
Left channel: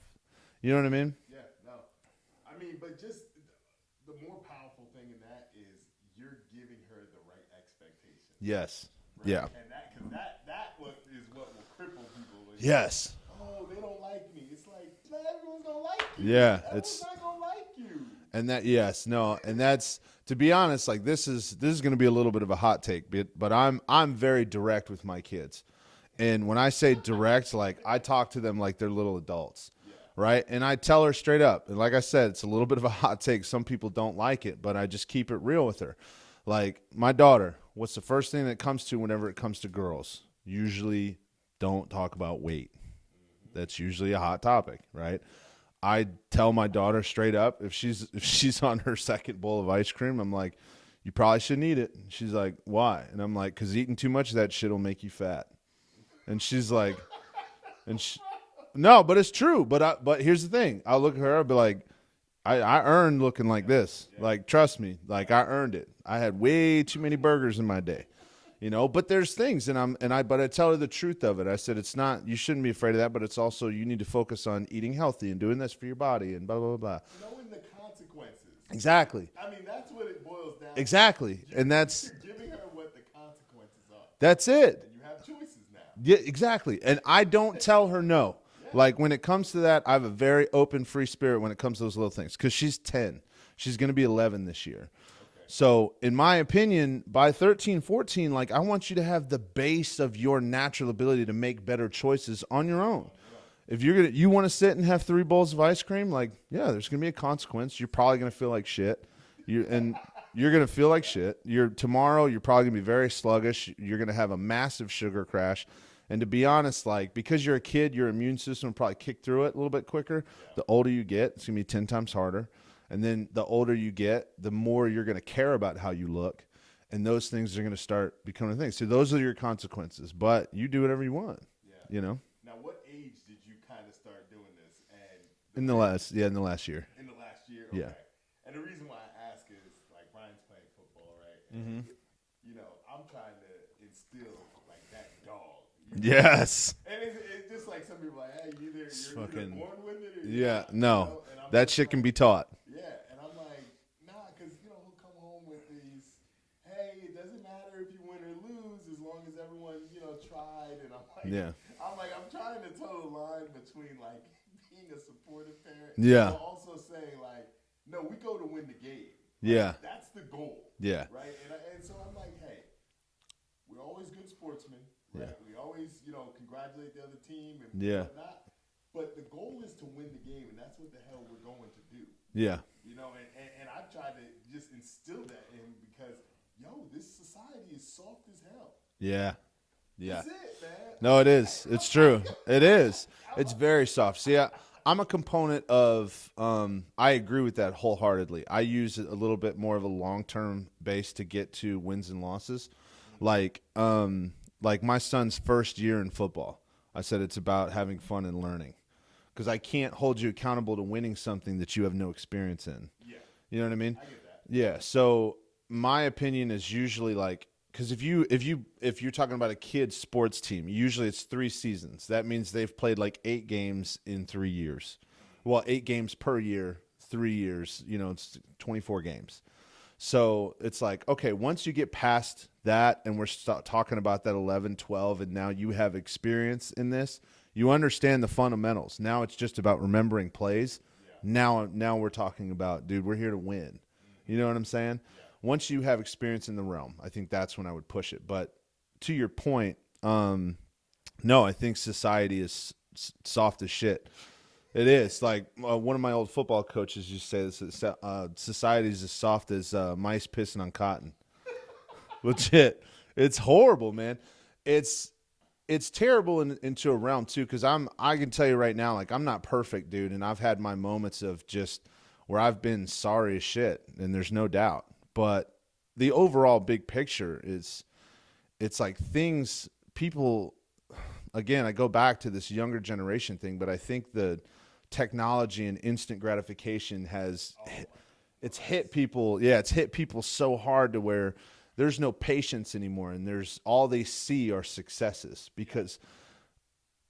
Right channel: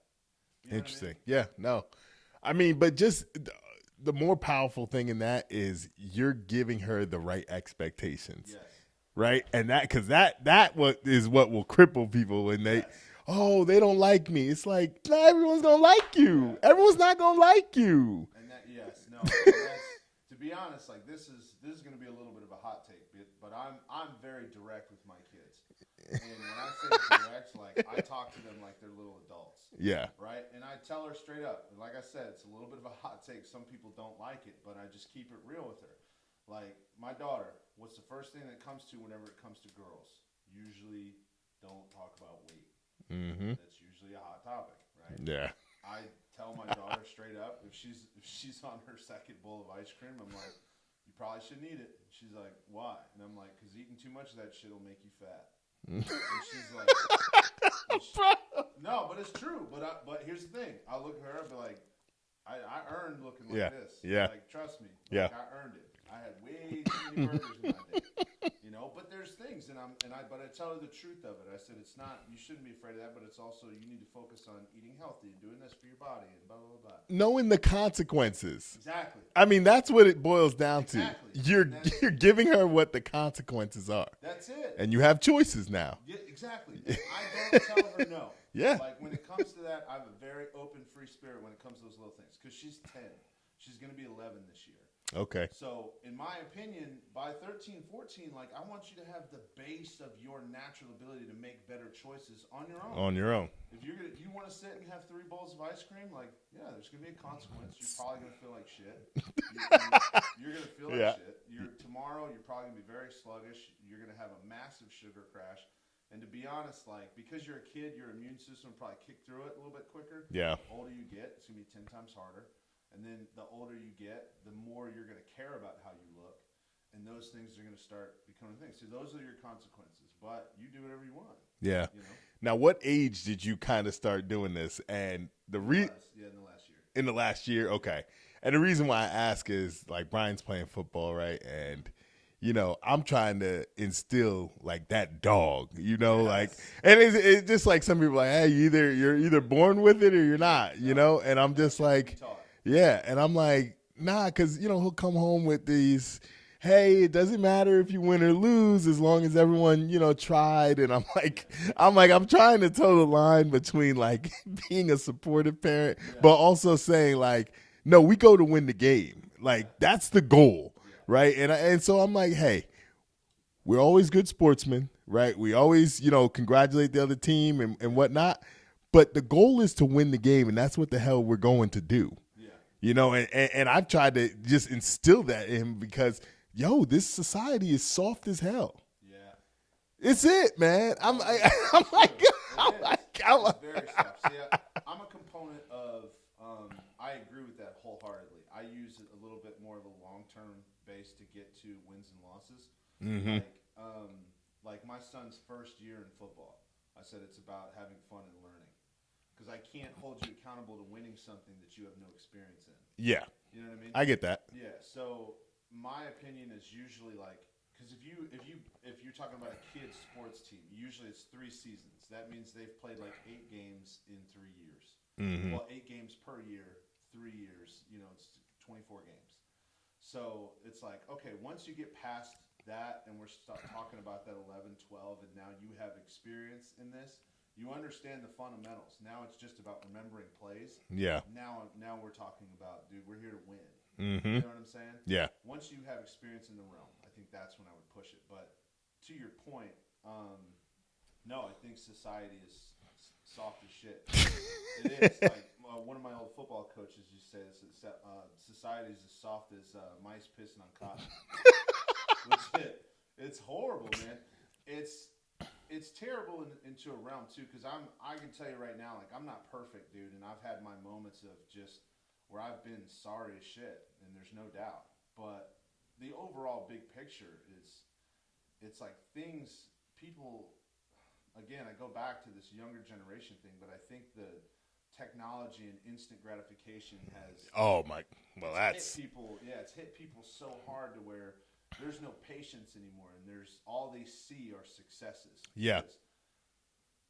You know what I mean? Yeah. No. I mean, but just the more powerful thing in that is you're giving her the right expectations. Yes. Right. Yeah. And because that what will cripple people when they don't like me. It's like, not everyone's gonna like you. Yeah. Everyone's not gonna like you. And that's to be honest, like this is going to be a little bit of a hot take, but I'm very direct with my kids. And when I say direct, like I talk to them like they're little adults. Yeah. Right? And I tell her straight up. And like I said, it's a little bit of a hot take. Some people don't like it, but I just keep it real with her. Like my daughter, what's the first thing that comes to whenever it comes to girls? Usually don't talk about weight. Mm-hmm. That's usually a hot topic, right? Yeah. I tell my daughter straight up, if she's on her second bowl of ice cream, I'm like, you probably shouldn't eat it. She's like, why? And I'm like, because eating too much of that shit will make you fat. And she's like, no, but it's true. But here's the thing. I'll look at her, I'll be like, I earned looking like this. Yeah. Like, trust me. Like, I earned it. I had way too many burgers in my day. But there's things, but I tell her the truth of it. I said, it's not, you shouldn't be afraid of that, but it's also, you need to focus on eating healthy and doing this for your body and blah, blah, blah. Knowing the consequences. Exactly. I mean, that's what it boils down to. Exactly. You're giving her what the consequences are. That's it. And you have choices now. Yeah, exactly. And I don't tell her no. Yeah. Like when it comes to that, I have a very open, free spirit when it comes to those little things. Because she's 10. She's going to be 11 this year. Okay. So, in my opinion, by 13, 14, like I want you to have the base of your natural ability to make better choices on your own. On your own. If you want to sit and have 3 bowls of ice cream, like, yeah, there's going to be a consequence. You're probably going to feel like shit. You're going to feel like shit. Tomorrow, you're probably going to be very sluggish. You're going to have a massive sugar crash. And to be honest, like, because you're a kid, your immune system will probably kick through it a little bit quicker. Yeah. The older you get, it's going to be 10 times harder. And then the older you get, the more you're going to care about how you look. And those things are going to start becoming things. So those are your consequences. But you do whatever you want. Yeah. Now, what age did you kind of start doing this? And in the last year. In the last year? Okay. Yeah. And the reason why I ask is, like, Brian's playing football, right? And I'm trying to instill like that dog, Yes. Like, and it's just like some people are like, hey, you're either born with it or you're not, no. And I'm that just shit like, can be taught. Yeah, and I'm like, nah, because he'll come home with these, hey, it doesn't matter if you win or lose as long as everyone tried, and I'm like, I'm trying to toe the line between like being a supportive parent, but also saying like, no, we go to win the game. Like, that's the goal, right? And so I'm like, hey, we're always good sportsmen, right? We always, congratulate the other team and whatnot. But the goal is to win the game, and that's what the hell we're going to do. Yeah. And I've tried to just instill that in him because, this society is soft as hell. Yeah. It's it, man. No, it is. It's true. It is. It's very soft. See, I'm a component of, I agree with that wholeheartedly. I use a little bit more of a long-term base to get to wins and losses. Mm-hmm. Like my son's first year in football, I said it's about having fun and learning. Because I can't hold you accountable to winning something that you have no experience in. Yeah. You know what I mean? I get that. Yeah. So my opinion is usually like, because if you're talking about a kid's sports team, usually it's 3 seasons. That means they've played like 8 games in 3 years. Mm-hmm. Well, 8 games per year, 3 years. It's 24 games. So it's like, okay, once you get past that and we're talking about that 11, 12, and now you have experience in this, you understand the fundamentals. Now it's just about remembering plays. Yeah. Now we're talking about, dude, we're here to win. Mm-hmm. You know what I'm saying? Yeah. Once you have experience in the realm, I think that's when I would push it. But to your point, no, I think society is soft as shit. It is. Like one of my old football coaches used to say this, society is as soft as mice pissing on cotton. Legit. It's horrible, man. It's terrible into a realm too, because I can tell you right now, like, I'm not perfect, dude, and I've had my moments of just where I've been sorry as shit, and there's no doubt. But the overall big picture is, it's like things, people, again, I go back to this younger generation thing, but I think the technology and instant gratification has hit people. Yeah, it's hit people so hard to where there's no patience anymore, and there's all they see are successes because,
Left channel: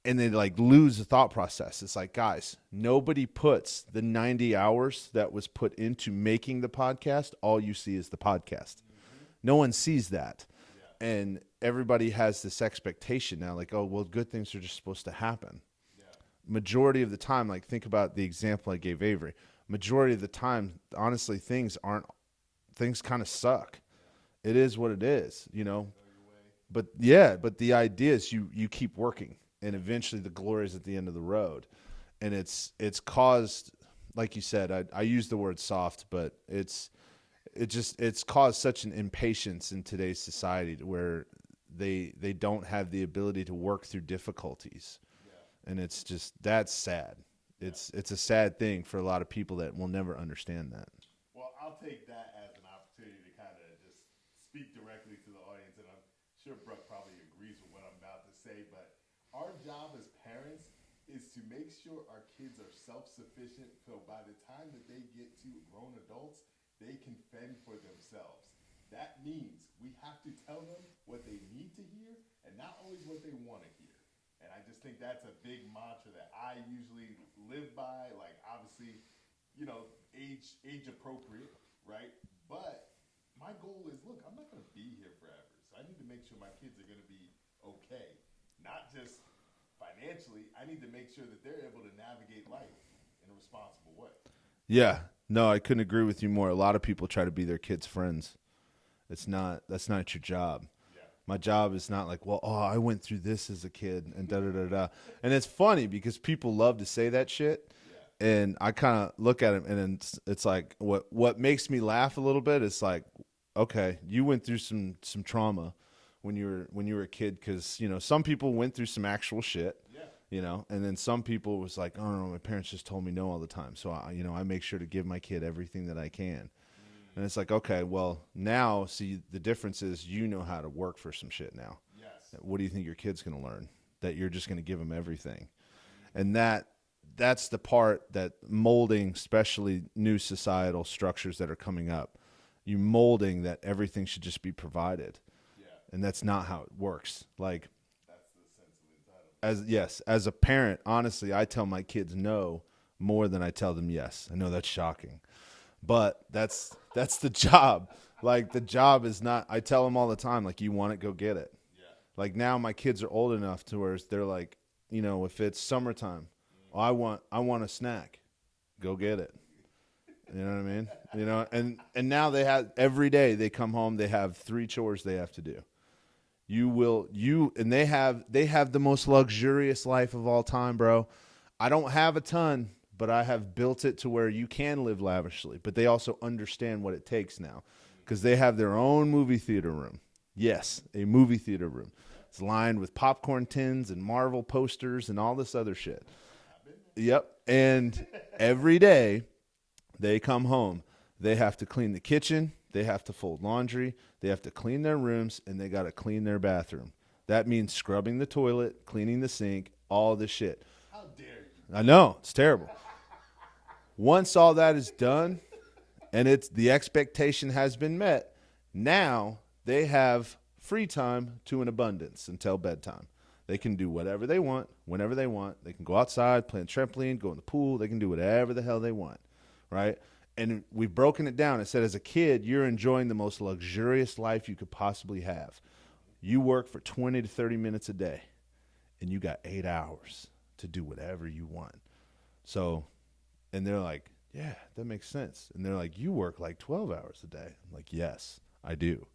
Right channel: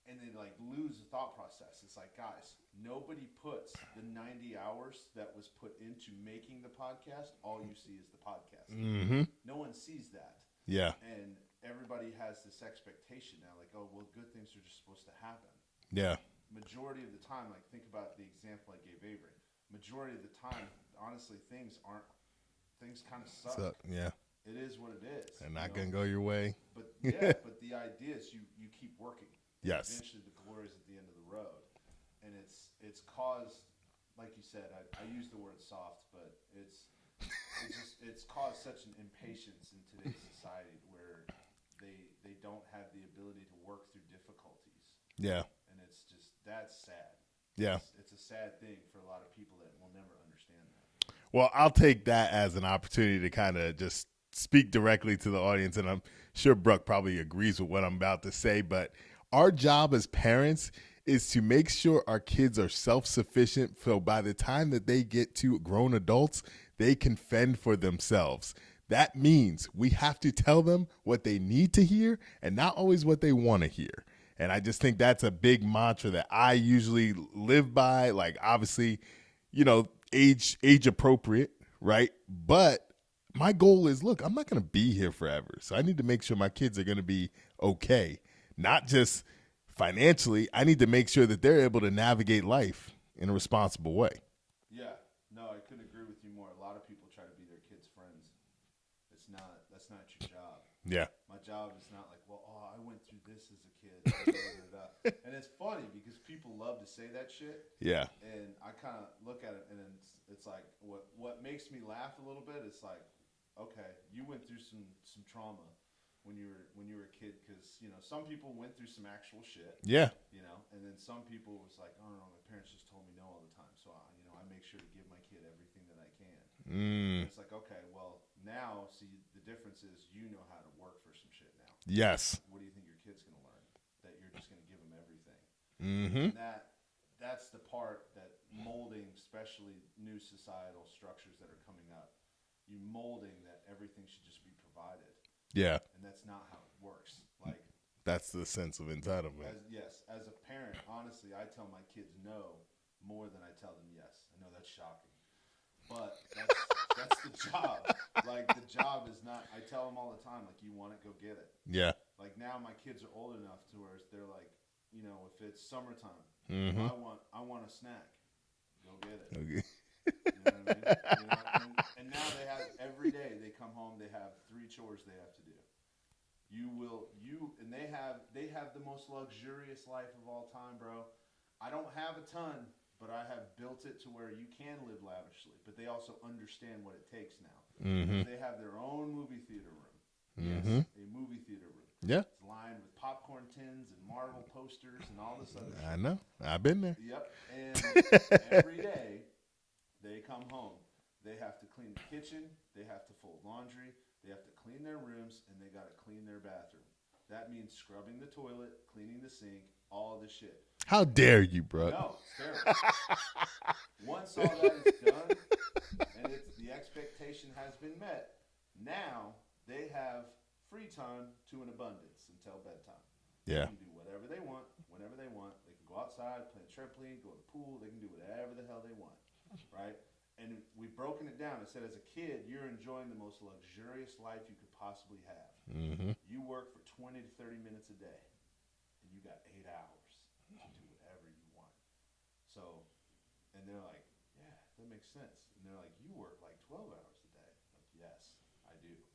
and they like lose the thought process. It's like, guys, nobody puts the 90 hours that was put into making the podcast. All you see is the podcast. Mm-hmm. No one sees that. Yeah. And everybody has this expectation now, like, oh, well, good things are just supposed to happen. Yeah. Majority of the time, like, think about the example I gave Avery. Majority of the time, honestly, things kind of suck. Yeah. It is what it is. And not gonna go your way. But yeah, but the idea is you keep working, and Yes. eventually the glory is at the end of the road. And it's caused, like you said, I use the word soft, but it's caused such an impatience in today's society to where they don't have the ability to work through difficulties. Yeah. And it's just, that's sad. Yeah. It's a sad thing for a lot of people that will never understand that. Well, I'll take that as an opportunity to kind of just speak directly to the audience, and I'm sure Bruck probably agrees with what I'm about to say, but our job as parents is to make sure our kids are self-sufficient, so by the time that they get to grown adults, they can fend for themselves. That means we have to tell them what they need to hear and not always what they want to hear. And I just think that's a big mantra that I usually live by. Like, obviously, you know, age appropriate, right? But my goal is, look, I'm not going to be here forever. So I need to make sure my kids are going to be okay. Not just financially. I need to make sure that they're able to navigate life in a responsible way. Yeah. No, I couldn't agree with you more. A lot of people try to be their kids' friends. That's not your job. Yeah. My job is not like, well, I went through this as a kid and da-da-da-da. And it's funny because people love to say that shit. Yeah. And I kind of look at it, and it's like, what makes me laugh a little bit is like, okay, you went through some trauma when you were a kid, because, you know, some people went through some actual shit. Yeah. You know, and then some people was like, oh no, my parents just told me no all the time, so I make sure to give my kid everything that I can. And it's like, okay, well, now see, the difference is you know how to work for some shit now. Yes. What do you think your kid's going to learn? That you're just going to give them everything. Mm-hmm. And that's the part that molding, especially new societal structures that are coming up, you molding that everything should just be provided. Yeah. And that's not how it works. Like, that's the sense of entitlement. As a parent, honestly, I tell my kids no more than I tell them yes. I know that's shocking, but that's the job. Like, the job is not, I tell them all the time, like, you want it, go get it. Yeah. Like, now my kids are old enough to where they're like, you know, if it's summertime, I want a snack, go get it. Okay. You know what I mean? You know, and now they have, every day they come home, they have 3 chores they have to do. And they have the most luxurious life of all time, bro. I don't have a ton, but I have built it to where you can live lavishly, but they also understand what it takes now, because they have their own movie theater room. Yes, a movie theater room. Yeah. It's lined with popcorn tins and Marvel posters and all this other shit. I know. I've been there. Yep. And every day they come home, they have to clean the kitchen, they have to fold laundry, they have to clean their rooms, and they got to clean their bathroom. That means scrubbing the toilet, cleaning the sink, all the shit. How dare you, bro? I know. It's terrible. Once all that is done and the expectation has been met, now they have free time to an abundance until bedtime. They can do whatever they want, whenever they want. They can go outside, play on trampoline, go in the pool. They can do whatever the hell they want, right? And we've broken it down. It said, as a kid, you're enjoying the most luxurious life you could possibly have. Mm-hmm. You work for 20 to 30 minutes a day, and you got 8 hours to do whatever you want. So, and they're like, yeah, that makes sense. And they're like, you work like 12 hours a day. I'm like, yes, I do.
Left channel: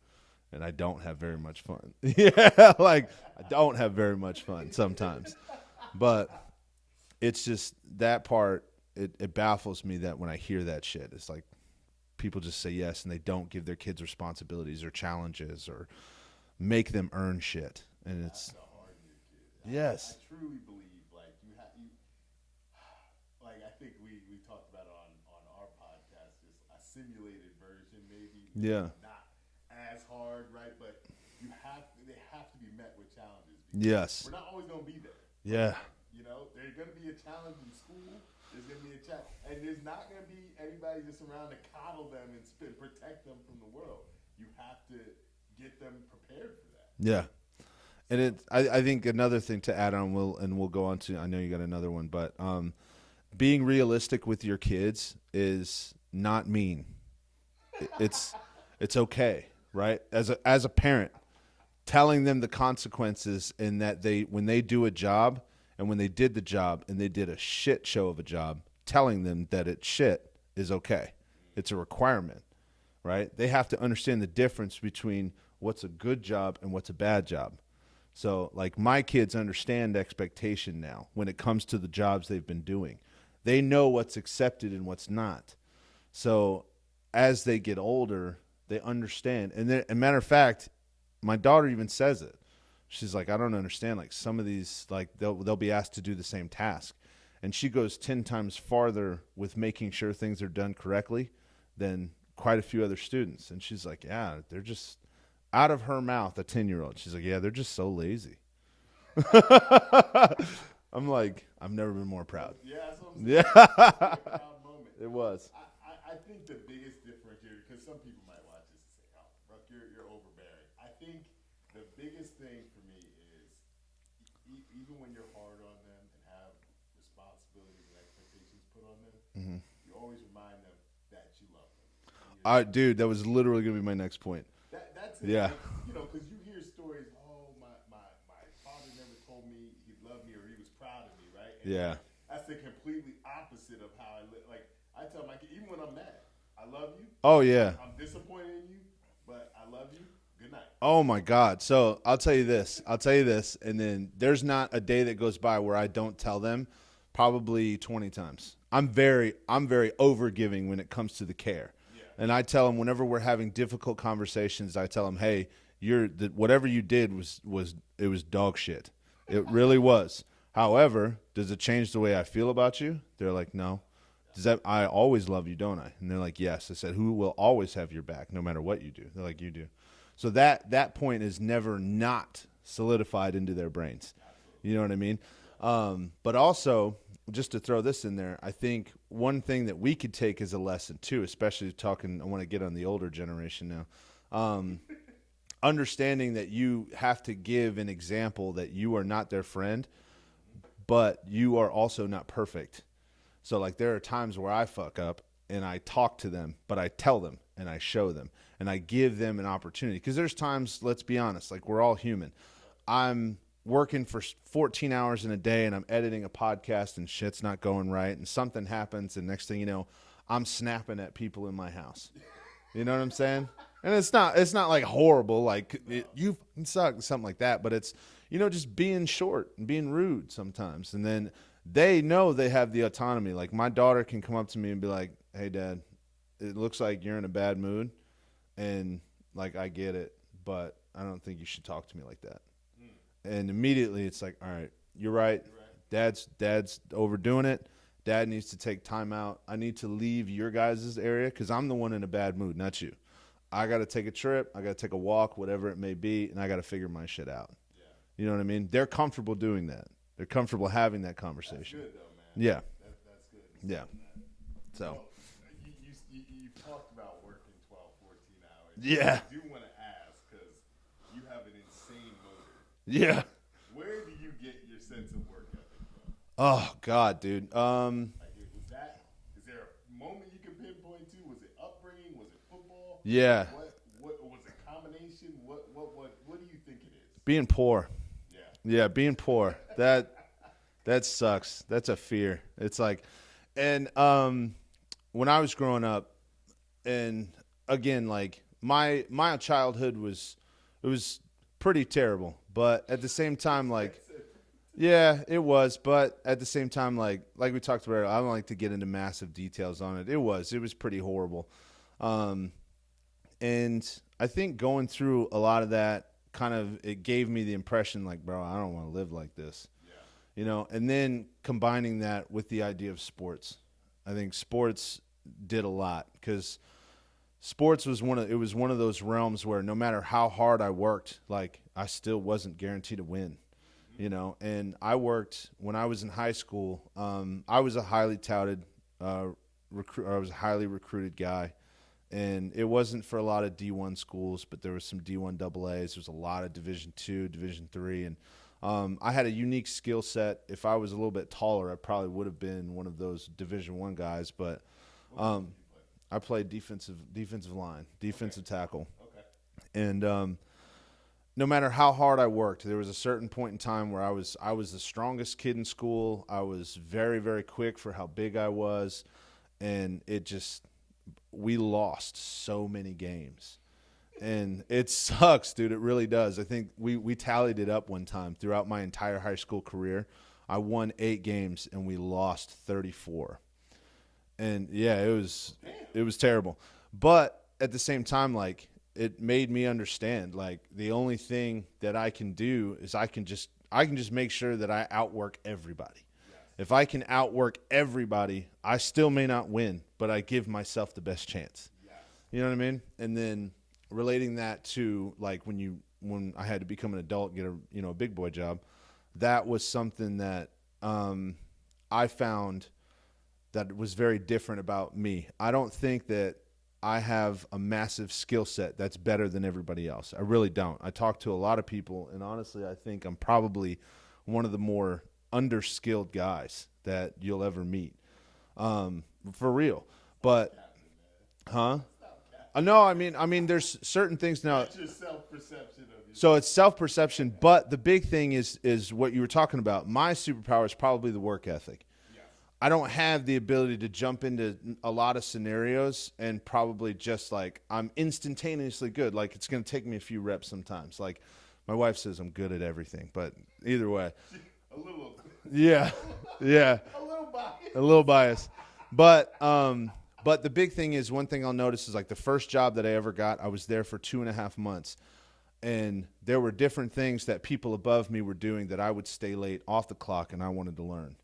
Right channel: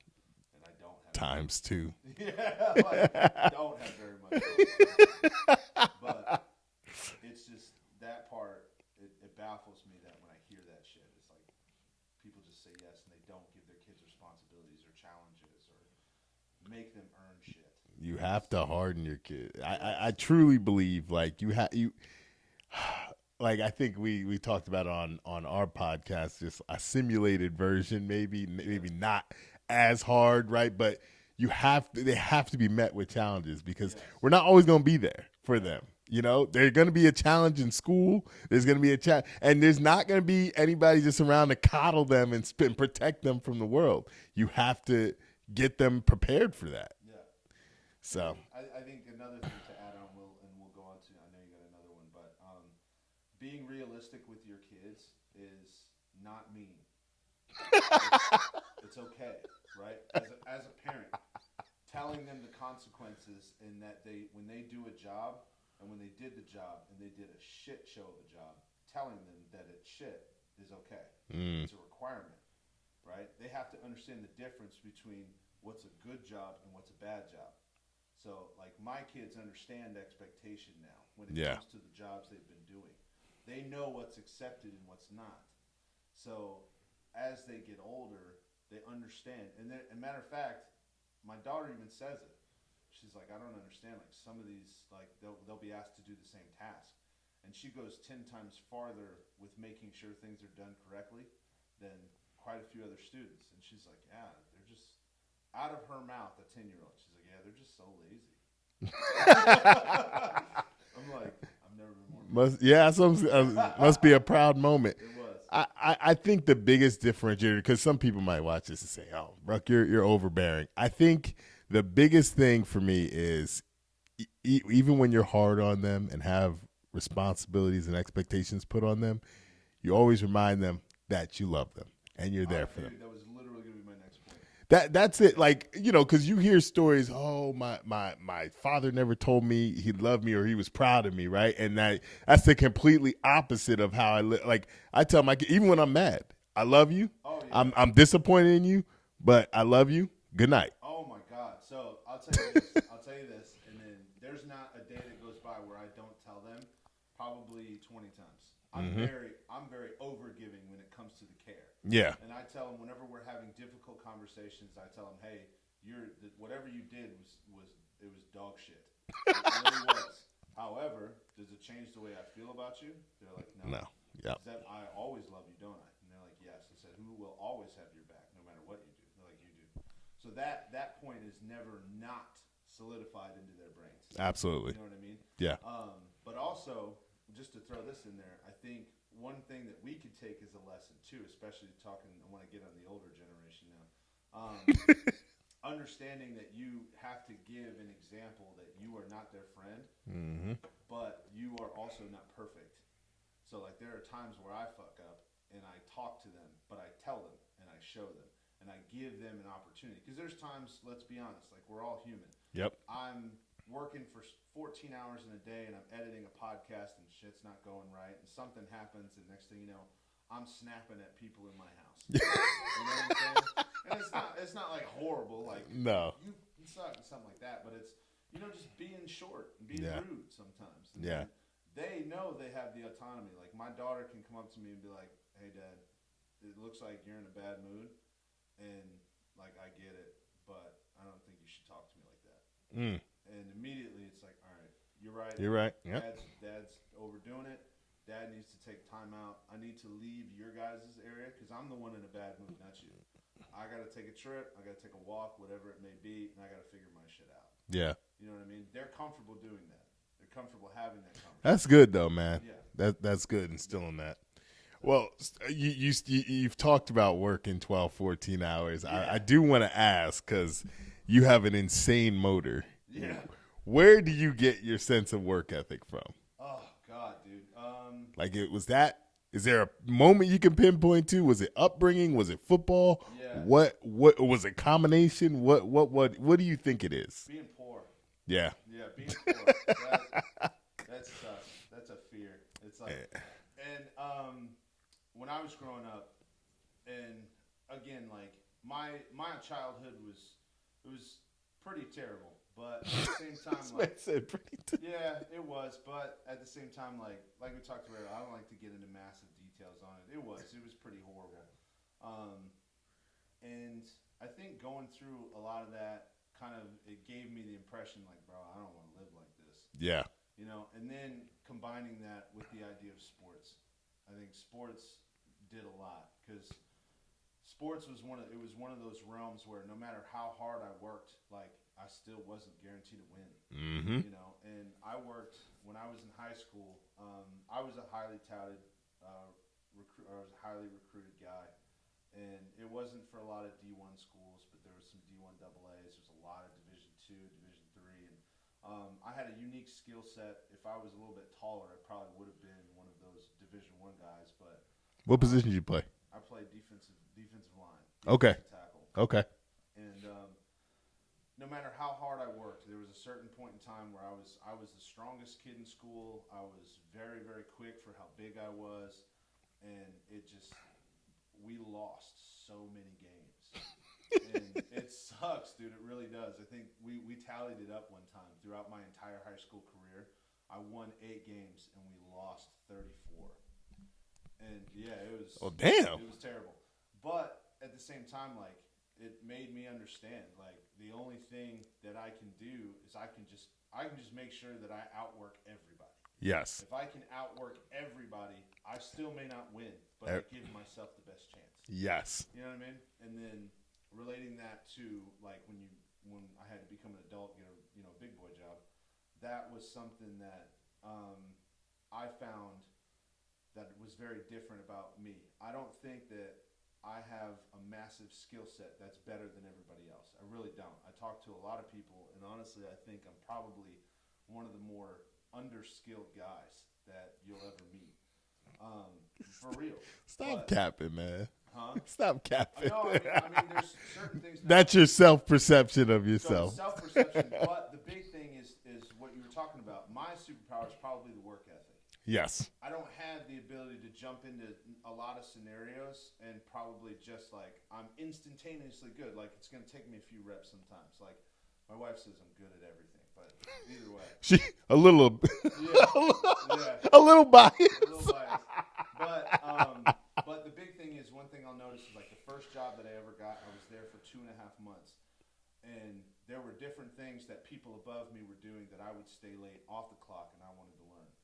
And I don't have very much fun. Yeah, like, don't have very much fun sometimes. But it's just that part, it baffles me that when I hear that shit, it's like people just say yes and they don't give their kids responsibilities or challenges or make them earn shit. You have to harden your kid. Yes. I truly believe like like I think we talked about it on our podcast, just a simulated version, maybe not as hard, right? But they have to be met with challenges because we're not always going to be there for them. You know, there's going to be a challenge in school. There's going to be a challenge, and there's not going to be anybody just around to coddle them and protect them from the world. You have to get them prepared for that. Yeah. So. And I think another thing to add on, we'll go on to, I know you got another one, but being realistic with your kids is not mean. It's okay, right? As a parent, telling them the consequences and that when they do a job and when they did the job and they did a shit show of a job, telling them that it's shit is okay. It's a requirement, right? They have to understand the difference between what's a good job and what's a bad job. So, like, my kids understand expectation now when it comes to the jobs they've been doing. They know what's accepted and what's not. So, as they get older, they understand. And as a matter of fact, my daughter even says it. She's like, I don't understand. Like, some of these, like, they'll be asked to do the same task. And she goes 10 times farther with making sure things are done correctly than quite a few other students. And she's like, yeah, they're just, out of her mouth, a 10-year-old. She's like, yeah, they're just so lazy. I'm like, I've never been more proud. Must be a proud moment. It was. I think the biggest differentiator, because some people might watch this and say, oh, Bruck, you're overbearing. I think the biggest thing for me is even when you're hard on them and have responsibilities and expectations put on them, you always remind them that you love them and you're there. Dude, that was literally going to be my next point. That's it. Yeah. Like, you know, because you hear stories, oh, my father never told me he loved me or he was proud of me, right? And that's the completely opposite of how I live. Like, I tell my kid, even when I'm mad, I love you. Oh, yeah. I'm disappointed in you, but I love you. Good night. Oh, my God. So I'll tell you this. And then there's not a day that goes by where I don't tell them, probably 20 times. I'm very overgiving when it comes to the care. Yeah. And I tell them whenever we're having difficult conversations, I tell them, hey, whatever you did was dog shit. It really was. However, does it change the way I feel about you? They're like, no. Yeah. Does that, I always love you, don't I? And they're like, yes. I said, who will always have your back no matter what you do? They're like, you do. So that point is never not solidified into their brains. Absolutely. You know what I mean? Yeah. But also, just to throw this in there, I think one thing that we could take as a lesson too, especially I want to get on the older generation now, understanding that you have to give an example that you are not their friend, but you are also not perfect. So like there are times where I fuck up and I talk to them, but I tell them and I show them and I give them an opportunity. Because there's times, let's be honest, like we're all human. Yep. I'm working for 14 hours in a day and I'm editing a podcast and shit's not going right and something happens and next thing you know, I'm snapping at people in my house. You know what I'm saying? And it's not like horrible, like you suck, something like that, but it's, you know, just being short and being rude sometimes. And then they know they have the autonomy. Like my daughter can come up to me and be like, hey Dad, it looks like you're in a bad mood. And like, I get it, but I don't think you should talk to me like that. And immediately it's like, all right, you're right. You're right. Dad's overdoing it. Dad needs to take time out. I need to leave your guys' area because I'm the one in a bad mood, not you. I got to take a trip. I got to take a walk, whatever it may be, and I got to figure my shit out. Yeah. You know what I mean? They're comfortable doing that. They're comfortable having that conversation. That's good, though, man. Yeah. That's good instilling that. So. Well, you've talked about working 12, 14 hours. Yeah. I do want to ask because you have an insane motor. Yeah. Where do you get your sense of work ethic from? Oh God, dude. Like it was that Is there a moment you can pinpoint to? Was it upbringing? Was it football? Yeah. What was it? Combination? What do you think it is? Being poor. Yeah. Yeah, being poor. That sucks. That's a fear. It's like, and when I was growing up, and again, like my childhood was pretty terrible, but at the same time, like, yeah, it was, but at the same time, like we talked about, I don't like to get into massive details on it. It was pretty horrible, and I think going through a lot of that kind of, it gave me the impression, like, bro, I don't want to live like this. Yeah. You know, and then combining that with the idea of sports, I think sports did a lot, because sports was one of those realms where no matter how hard I worked, like, I still wasn't guaranteed to win. Mm-hmm. You know, and I worked when I was in high school. I was a highly touted I was a highly recruited guy, and it wasn't for a lot of D1 schools, but there was some D1 AA's. There was a lot of Division II, Division III, and I had a unique skill set. If I was a little bit taller, I probably would have been one of those Division I guys. But what position did you play? I played defensive line, defensive tackle. Okay. And no matter how hard I worked, there was a certain point in time where I was the strongest kid in school. I was very, very quick for how big I was, and we lost so many games. And it sucks, dude. It really does. I think we tallied it up one time throughout my entire high school career. I won 8 games and we lost 34. And yeah, it was It was terrible. But at the same time, like, it made me understand, like, the only thing that I can do is I can just make sure that I outwork everybody. Yes. If I can outwork everybody, I still may not win, but I give myself the best chance. Yes. You know what I mean? And then relating that to, like, when I had to become an adult, get a big boy job, that was something that I found that was very different about me. I don't think that I have a massive skill set that's better than everybody else. I really don't. I talk to a lot of people, and honestly, I think I'm probably one of the more underskilled guys that you'll ever meet. For real. Stop capping, man. Huh? Stop capping. No, I mean, there's certain things now. That's your self-perception of yourself. So it's self-perception, but the big thing is what you were talking about. My superpower is probably the work ethic. Yes. I don't have the ability to jump into a lot of scenarios and probably just, like, I'm instantaneously good. Like, it's going to take me a few reps sometimes. Like, my wife says I'm good at everything, but either way. A little. Yeah. Yeah. A little biased. A little biased. But the big thing is, one thing I'll notice is, like, the first job that I ever got, I was there for 2.5 months. And there were different things that people above me were doing that I would stay late off the clock, and I wanted to learn.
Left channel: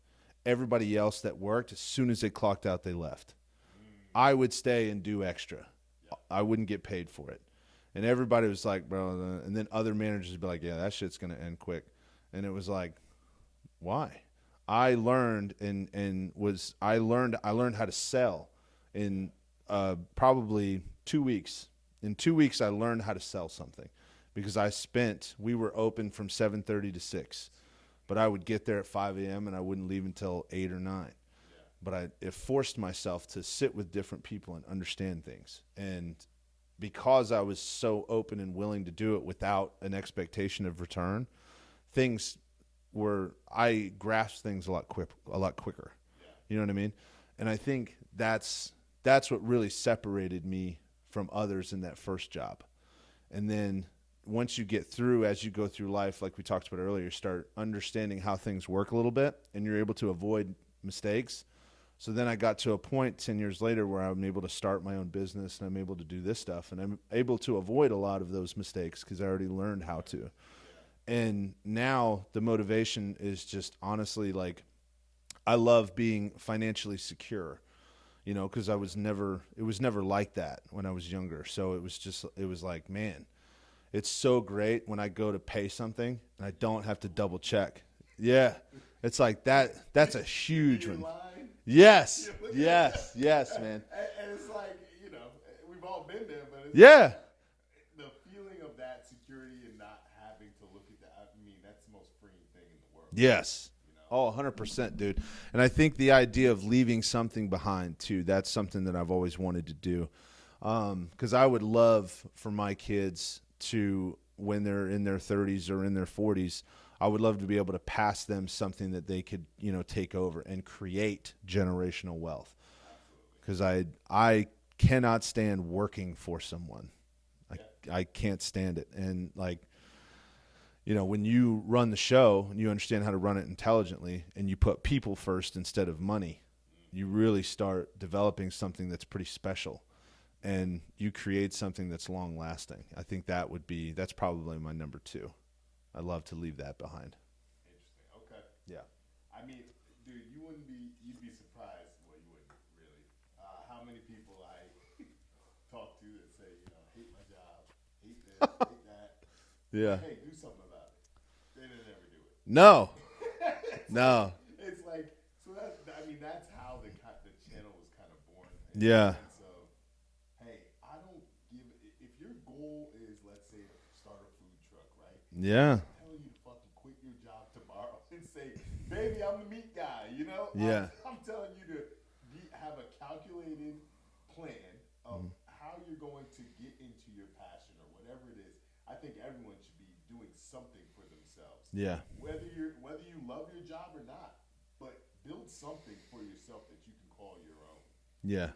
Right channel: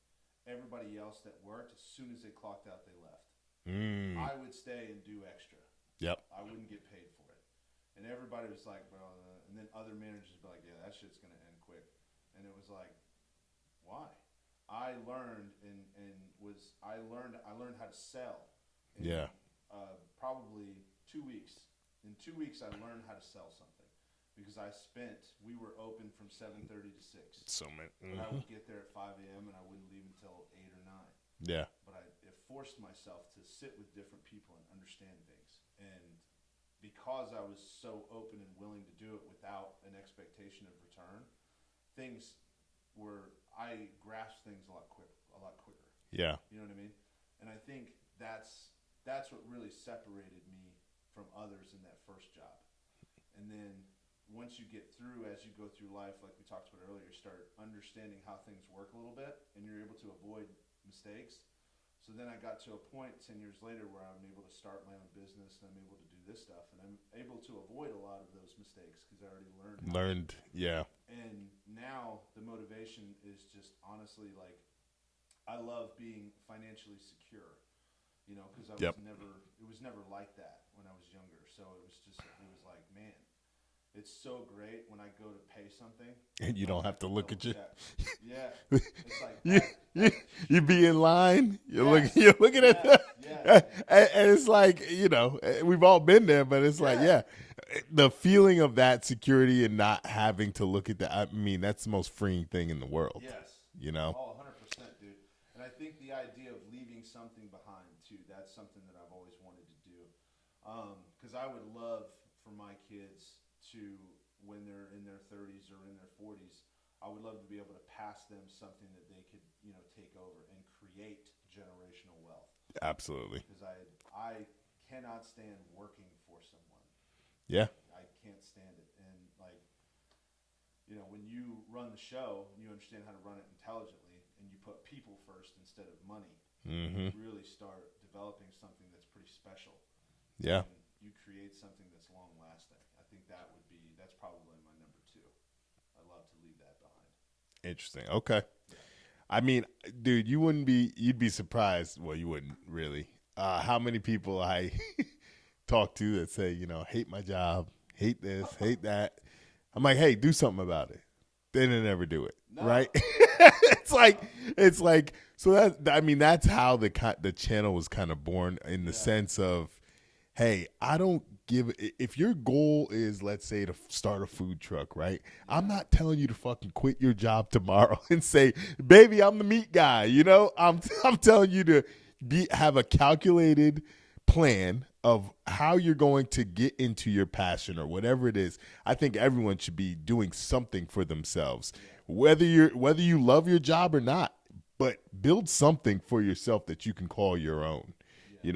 Everybody else that worked, as soon as they clocked out, they left. I would stay and do extra. Yep. I wouldn't get paid for it. And everybody was like, bro, and then other managers would be like, yeah, that shit's going to end quick. And it was like, why? I learned I learned how to sell in probably 2 weeks. In 2 weeks, I learned how to sell something, because we were open from 7:30 to 6. But I would get there at 5 a.m. and I wouldn't leave until 8 or 9. Yeah. But it forced myself to sit with different people and understand things. And because I was so open and willing to do it without an expectation of return, I grasped things a lot quicker. Yeah. You know what I mean? And I think that's what really separated me from others in that first job. And then once you get through, as you go through life, like we talked about earlier, start understanding how things work a little bit, and you're able to avoid mistakes. So then I got to a point 10 years later where I'm able to start my own business, and I'm able to do this stuff, and I'm able to avoid a lot of those mistakes because I already learned how to. Yeah. And now the motivation is just, honestly, like, I love being financially secure, because it was never like that when I was younger. So it was like, man, it's so great when I go to pay something, I don't have to double check. Yeah. It's like that. That's a huge. You be in line. Yes. You're looking at. Yes, man. And it's like, we've all been there, but it's yeah. like, yeah. the feeling of that security and not having to look at that, I mean, that's the most freeing thing in the world. Yes. You know? Oh, 100%, dude. And I think the idea of leaving something behind, too, that's something that I've always wanted to do. Because I would love for my kids to, when they're in their 30s or in their 40s, I would love to be able to pass them something that they could, take over and create generational wealth. Absolutely. Because I cannot stand working for someone. Yeah. I can't stand it. And when you run the show and you understand how to run it intelligently and you put people first instead of money, you really start developing something that's pretty special. Yeah. And you create something that's long lasting. I think that's probably my number 2. I'd love to leave that behind. Interesting. Okay. Yeah. I mean, dude, you'd be surprised. Well, you wouldn't really. How many people I talk to that say, hate my job, hate this, hate that. I'm like, hey, do something about it. They didn't ever do it. No. Right? It's like, so that's how the channel was kind of born in the sense of, hey, I don't if your goal is, let's say, to start a food truck, right? Yeah. I'm not telling you to fucking quit your job tomorrow and say, baby, I'm the meat guy. Yeah. I'm telling you to have a calculated plan of how you're going to get into your passion or whatever it is. I think everyone should be doing something for themselves. Yeah. Whether you love your job or not, but build something for yourself that you can call your own. Yeah.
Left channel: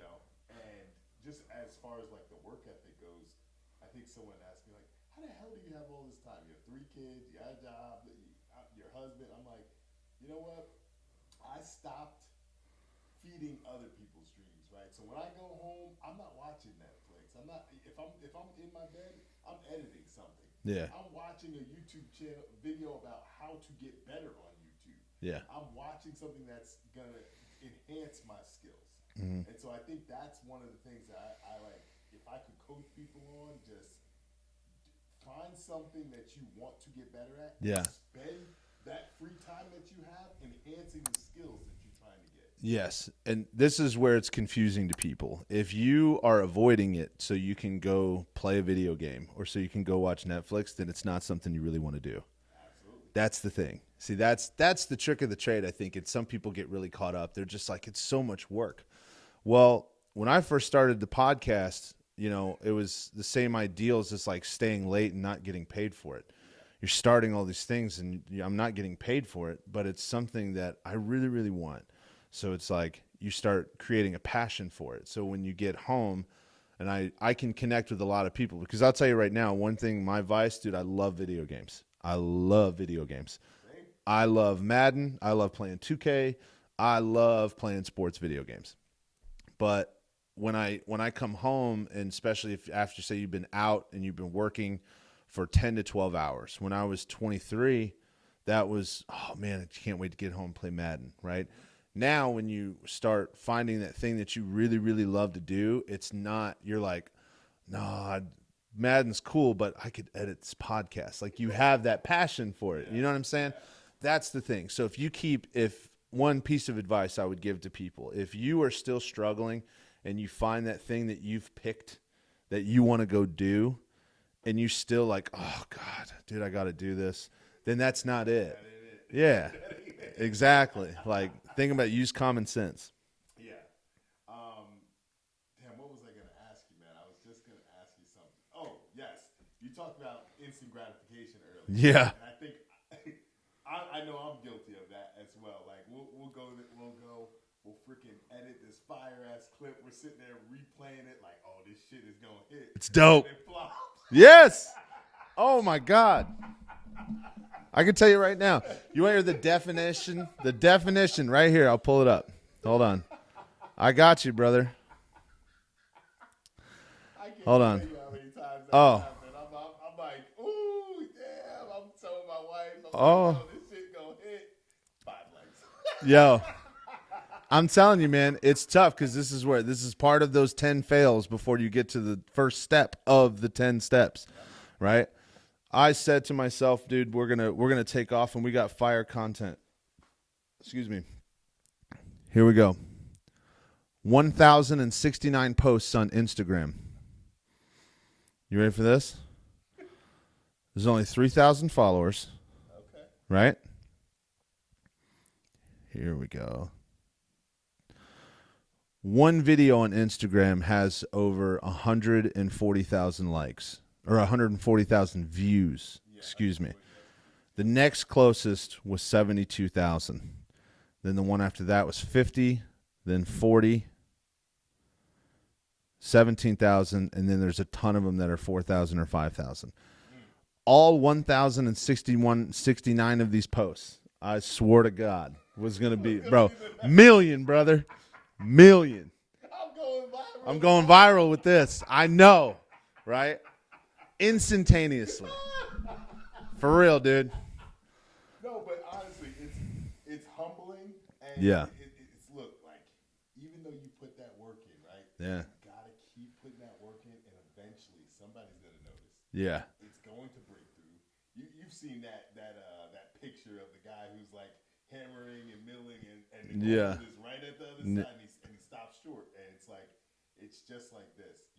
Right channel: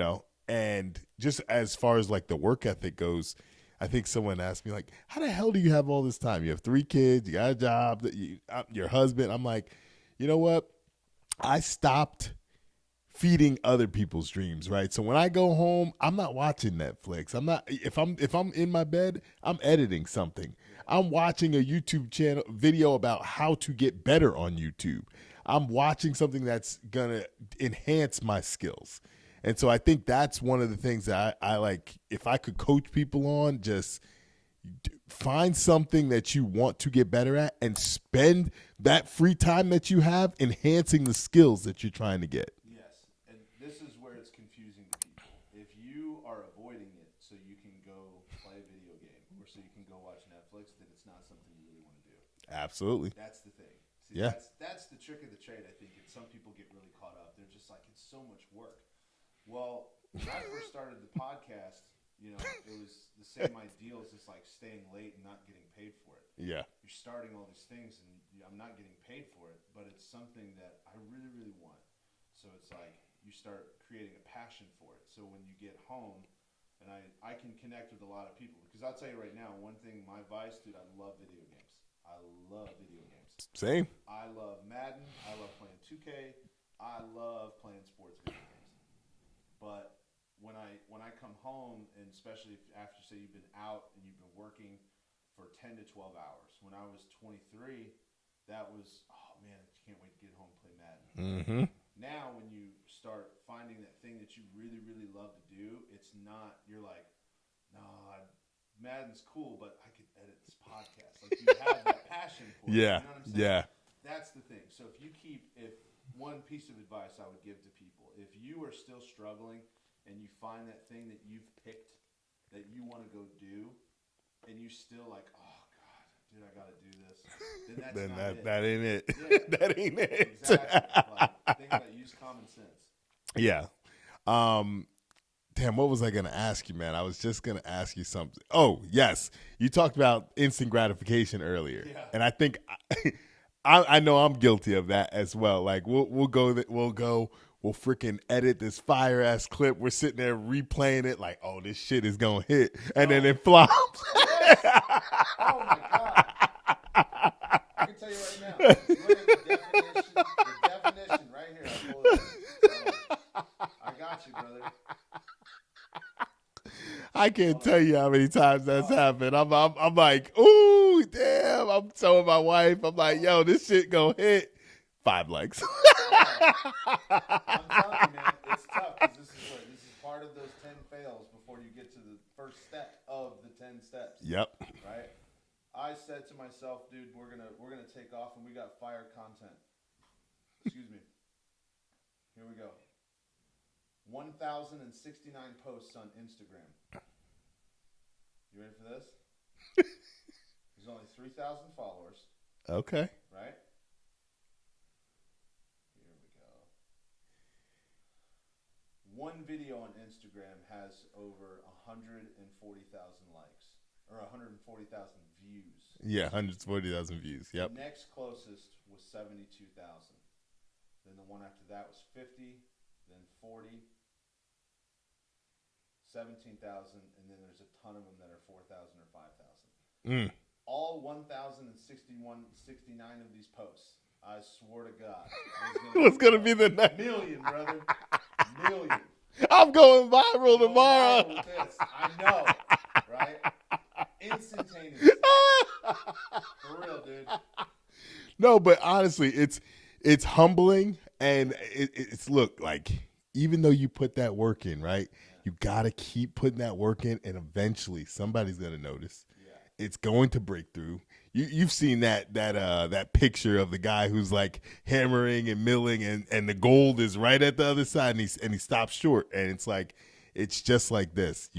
And just as far as like the work ethic goes, I think someone asked me, like, how the hell do you have all this time? You have 3 kids, you got a job, your husband. I'm like, you know what? I stopped feeding other people's dreams, right? So when I go home, I'm not watching Netflix. I'm not, if I'm in my bed, I'm editing something. Yeah. I'm watching a YouTube channel video about how to get better on YouTube. Yeah. I'm watching something that's gonna enhance my skills. And so I think that's one of the things that I like. If I could coach people on, just find something that you want to get better at and spend that free time that you have enhancing the skills that you're trying to get. Yes. And this is where it's confusing to people. If you are avoiding it so you can go play a video game or so you can go watch Netflix, then it's not something you really want to do. Absolutely. That's the thing. See, that's the trick of the trade, I think. Some people get really caught up. They're just like, it's so much work. Well, when I first started the podcast, it was the same ideal as just like staying late and not getting paid for it. Yeah. You're starting all these things and I'm not getting paid for it, but it's something that I really, really want. So it's like you start creating a passion for it. So when you get home, and I can connect with a lot of people, because I'll tell you right now, one thing, my vice, dude, I love video games. I love video games. Same. I love Madden. I love playing 2K. I love playing sports video games. But when I come home, and especially if after, say, you've been out and you've been working for 10 to 12 hours. When I was 23, that was, oh, man, I can't wait to get home and play Madden, right? Mm-hmm. Now when you start finding that thing that you really, really love to do, it's not, you're like, no, Madden's cool, but I could edit this podcast. Like, you have that passion for it. You know what I'm saying? Yeah. That's the thing. So if one piece of advice I would give to people, if you are still struggling and you find that thing that you've picked that you want to go do, and you still like, oh, God, dude, I got to do this, then that's not it. That ain't it. Yeah. That ain't it. Exactly. Like, think about it, use common sense. Yeah. Damn, what was I going to ask you, man? I was just going to ask you something. Oh, yes. You talked about instant gratification earlier. Yeah. And I think I know I'm guilty of that as well. Like, we'll go, we'll freaking edit this fire-ass clip. We're sitting there replaying it like, oh, this shit is going to hit. It's dope. And then it flops. Yes. Oh, my God. I can tell you right now. You want to hear the definition? The definition right here. I'll pull it up. Hold on. I got you, brother. I can't tell you how many times that's happened. I'm like, ooh, damn. I'm telling my wife. I'm like, yo, this shit going to hit. 5 likes. Yo, I'm telling you, man, it's tough because this is part of those 10 fails before you get to the first step of the 10 steps. Yep. Right. I said to myself, dude, we're gonna take off, and we got fire content. Excuse me. Here we go. 1,069 posts on Instagram. You ready for this? There's only 3,000 followers. Okay. Right? Here we go. One video on Instagram has over 140,000 likes. Or 140,000 views. Yeah, excuse me. 140,000 views. Yep. The next closest was 72,000. Then the one after that was 50, then 40, 17,000, and then there's a ton of them that are 4,000 or 5,000. All 1,069 of these posts, I swore to God, was going to be the next million, brother. Million. I'm going viral. I'm going viral with this. I know, right? Instantaneously. For real, dude. No, but honestly, it's humbling, and Yeah. it's look like, even though you put that work in, right? Yeah. You gotta keep putting that work in, and eventually somebody's gonna notice. Yeah. It's going to break through. You've seen that picture of the guy who's like hammering and milling, and the gold is right at the other side, and he stops short, and it's like, it's just like this.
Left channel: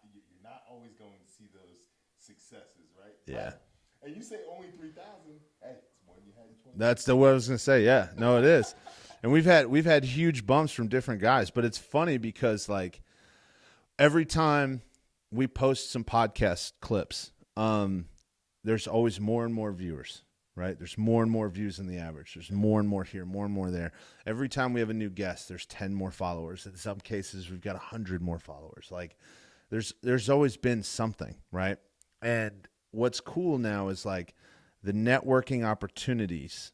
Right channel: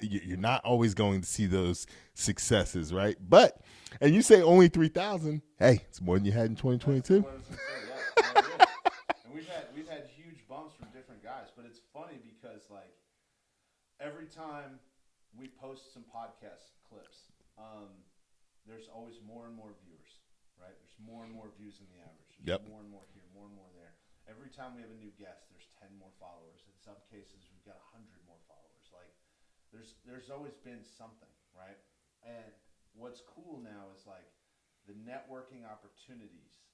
You're not always going to see those successes, right? Yeah. But, and you say only 3,000. Hey, it's more than you had in 2022. That's what I was gonna say. Yeah, no, it is. And we've had huge bumps from different guys, but it's funny because like every time we post some podcast clips, there's always more and more viewers, right? There's more and more views than the average. There's more and more here, more and more there. Every time we have a new guest, there's 10 more followers. In some cases, we've got 100 more followers. Like there's always been something, right? And what's cool now is like the networking opportunities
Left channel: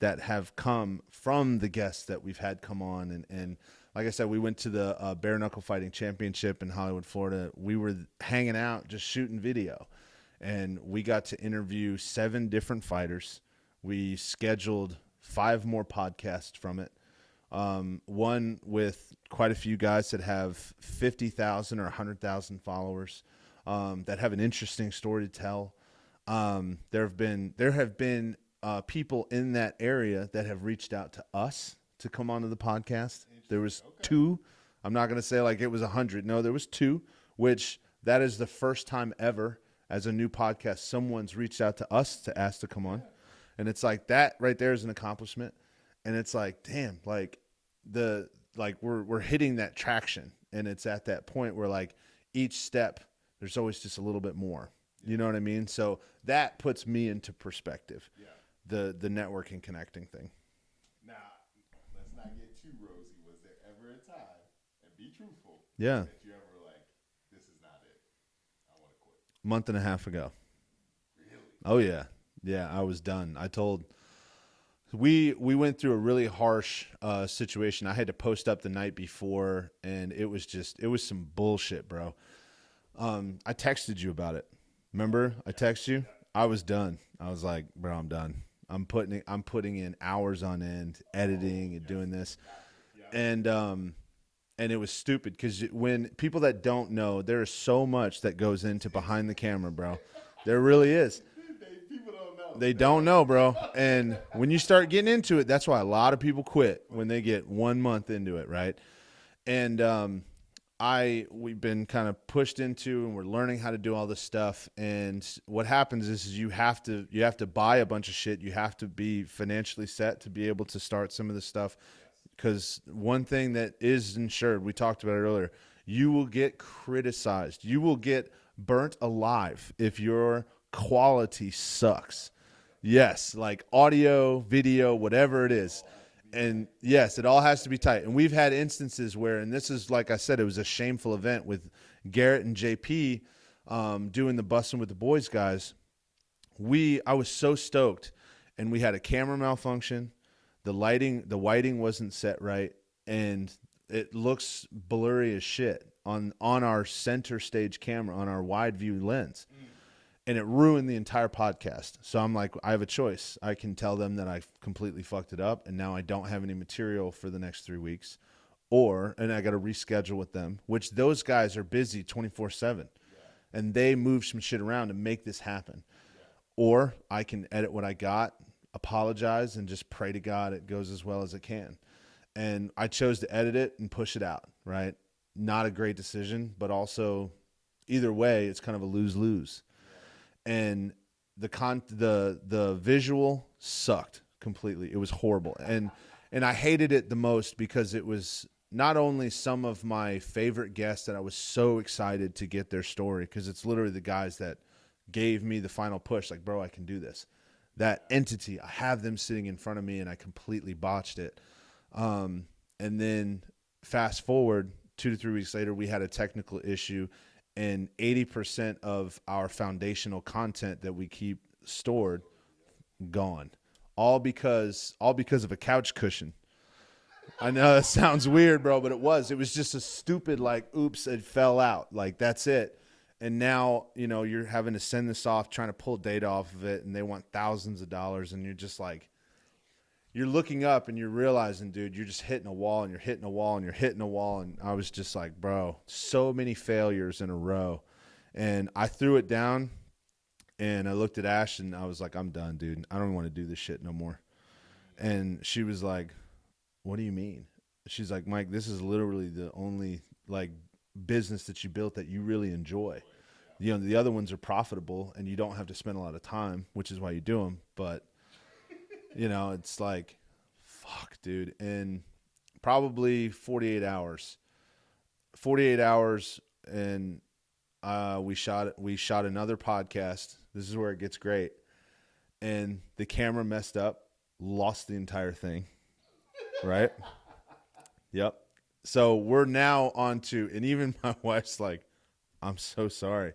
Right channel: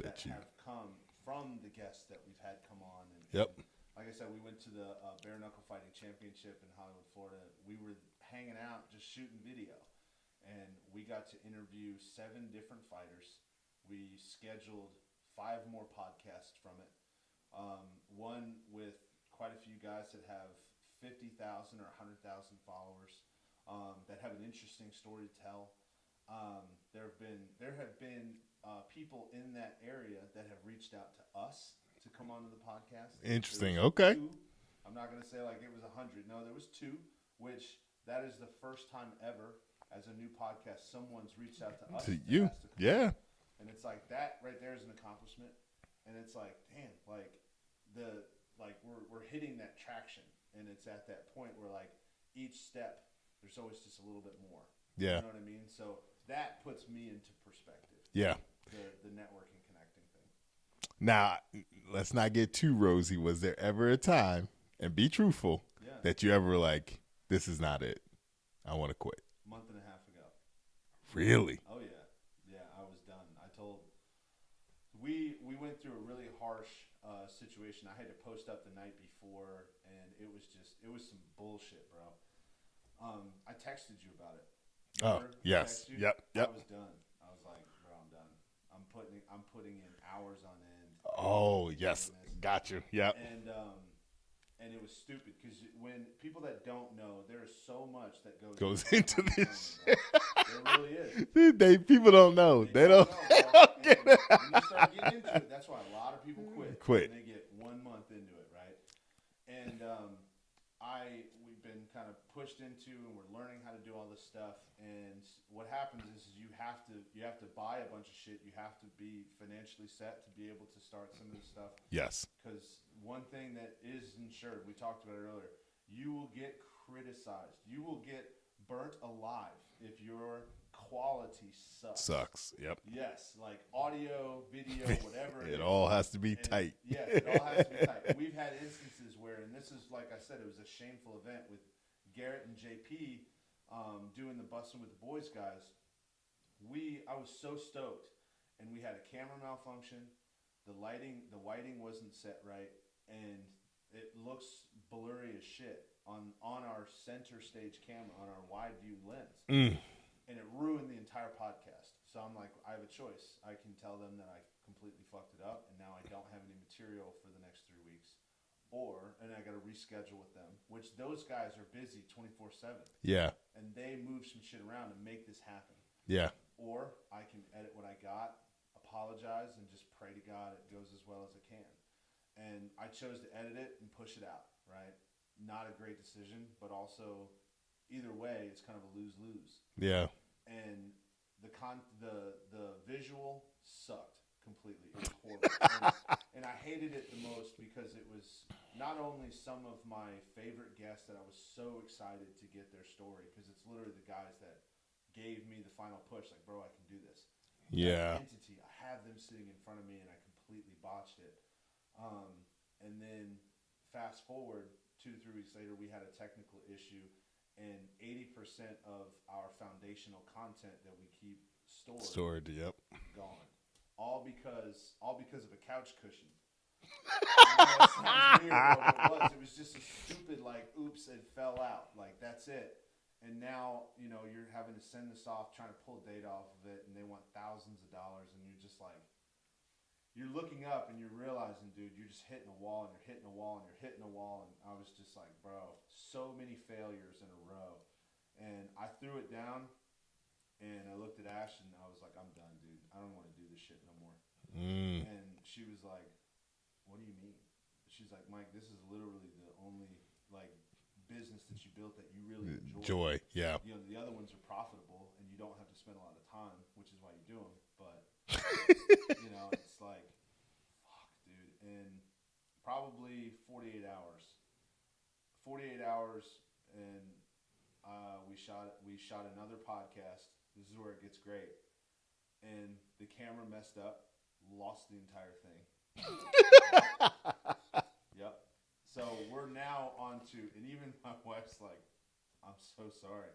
that have come from the guests that we've had come on. And like I said, we went to the Bare Knuckle Fighting Championship in Hollywood, Florida. We were hanging out, just shooting video. And we got to interview 7 different fighters. We scheduled 5 more podcasts from it. One with quite a few guys that have 50,000 or 100,000 followers that have an interesting story to tell. There have been people in that area that have reached out to us to come onto the podcast. Interesting. There was Okay. 2. I'm not going to say like it was 100. No, there was 2, which that is the first time ever as a new podcast someone's reached out to us to ask to come on. And it's like that right there is an accomplishment. And it's like, damn, like we're hitting that traction, and it's at that point where like each step there's always just a little bit more. Yeah. You know what I mean? So that puts me into perspective. Yeah. The networking connecting thing. Now, let's not get too rosy. Was there ever a time, and be truthful, that you ever were like, this is not it, I want to quit? Month and a half ago. Really? Oh yeah. Yeah, I was done. We went through a really harsh situation. I had to post up the night before, and it was some bullshit, bro. I texted you about it. Remember? Yes. I texted you? Yep. I was done. I was like, bro, I'm done. I'm putting in hours on end editing and doing this. Got you. Yeah. And it was stupid because when people that don't know, there is so much that goes into behind the camera, bro. There really is. People don't know. They don't know, bro. And when you start getting into it, that's why a lot of people quit when they get 1 month into it, right? And we've been kind of pushed into, and we're learning how to do all this stuff. And what happens is you have to buy a bunch of shit. You have to be financially set to be able to start some of this stuff. Yes. Because one thing that is ensured, we talked about it earlier, you will get criticized. You will get burnt alive if your quality sucks. Yep. Yes, like audio, video, whatever it is. It all has to be tight. Yes, it all has to be tight. And we've had instances where, and this is, like I said, it was a shameful event with Garrett and JP doing the Bussin' with the Boys guys. I was so stoked, and we had a camera malfunction. The whiting wasn't set right, and it looks blurry as shit on our center stage camera, on our wide view lens. And it ruined the entire podcast. So I'm like, I have a choice. I can tell them that I completely fucked it up, and now I don't have any material for the next 3 weeks. And I got to reschedule with them, which those guys are busy 24/7. Yeah. And they move some shit around to make this happen. Yeah. Or I can edit what I got, apologize, and just pray to God it goes as well as it can. And I chose to edit it and push it out, right? Not a great decision, but also either way, it's kind of a lose-lose. Yeah. And the visual sucked completely. It was horrible. And I hated it the most because it was not only some of my favorite guests that I was so excited to get their story, because it's literally the guys that gave me the final push, like, bro, I can do this. That entity, I have them sitting in front of me, and I completely botched it. And then fast forward 2 to 3 weeks later, we had a technical issue, and 80% of our foundational content that we keep stored gone. All because of a couch cushion. I know it sounds weird, bro, but it was. It was just a stupid, like, oops, it fell out. Like, that's it. And now, you're having to send this off, trying to pull data off of it, and they want thousands of dollars, and you're just like, you're looking up and you're realizing, dude, you're just hitting a wall, and you're hitting a wall, and you're hitting a wall. And I was just like, bro, so many failures in a row. And I threw it down, and I looked at Ash, and I was like, I'm done, dude. I don't want to do this shit no more. And she was like, what do you mean? She's like, Mike, this is literally the only, like, business that you built that you really enjoy. Yeah. The other ones are profitable, and you don't have to spend a lot of time, which is why you do them. But, it's like, fuck, dude. And probably 48 hours, and we shot another podcast. This is where it gets great. And the camera messed up, lost the entire thing. Right? Yep. So we're now on to, and even my wife's like, I'm so sorry.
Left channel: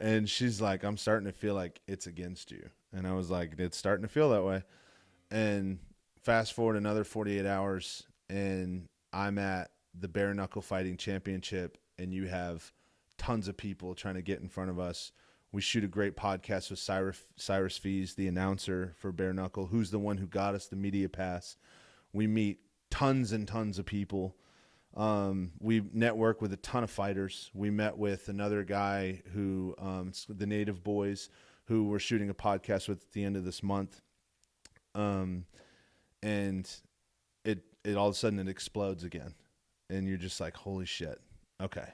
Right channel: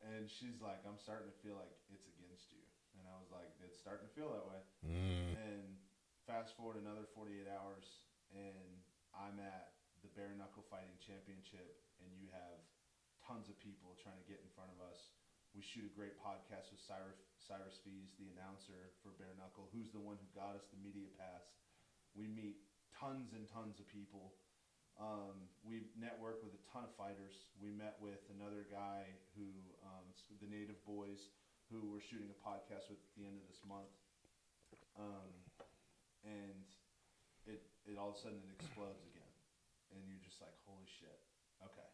And she's like, I'm starting to feel like it's against you. And I was like, it's starting to feel that way. And fast forward another 48 hours, and I'm at the Bare Knuckle Fighting Championship, and you have tons of people trying to get in front of us. We shoot a great podcast with Cyrus Fees, the announcer for Bare Knuckle, who's the one who got us the media pass. We meet tons and tons of people. We network with a ton of fighters. We met with another guy who, the Native Boys, who we're shooting a podcast with at the end of this month. And it all of a sudden it explodes again. And you're just like, holy shit. Okay.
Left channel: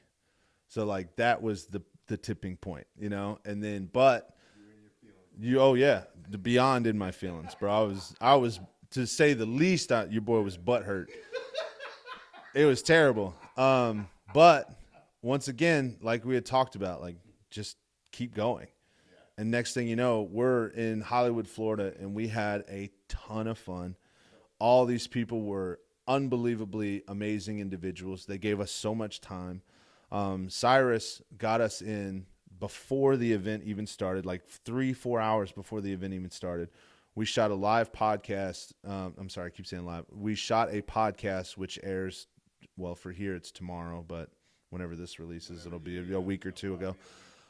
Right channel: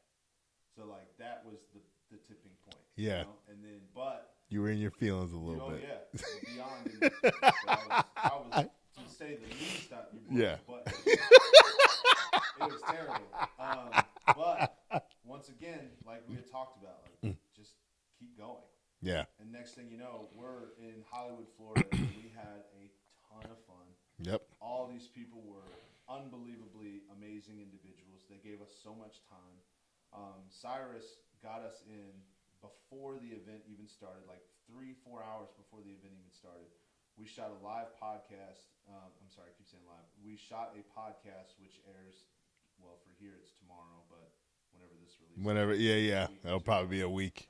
So like that was the tipping point, you know? And then, but you were in your feelings a little. Oh yeah. Beyond in my feelings, bro. I was to say the least, your boy was butthurt. It was terrible. But once again, like we had talked about, like just keep going. Yeah. And next thing you know, we're in Hollywood, Florida, and we had a ton of fun. Yep. All these people were unbelievably amazing individuals. They gave us so much time. Cyrus got us in before the event even started, like 3-4 hours before the event even started. We shot a live podcast. I'm sorry, I keep saying live. We shot a podcast which airs, well, for here it's tomorrow, but whenever this releases, a week or it'll two probably ago. be a week.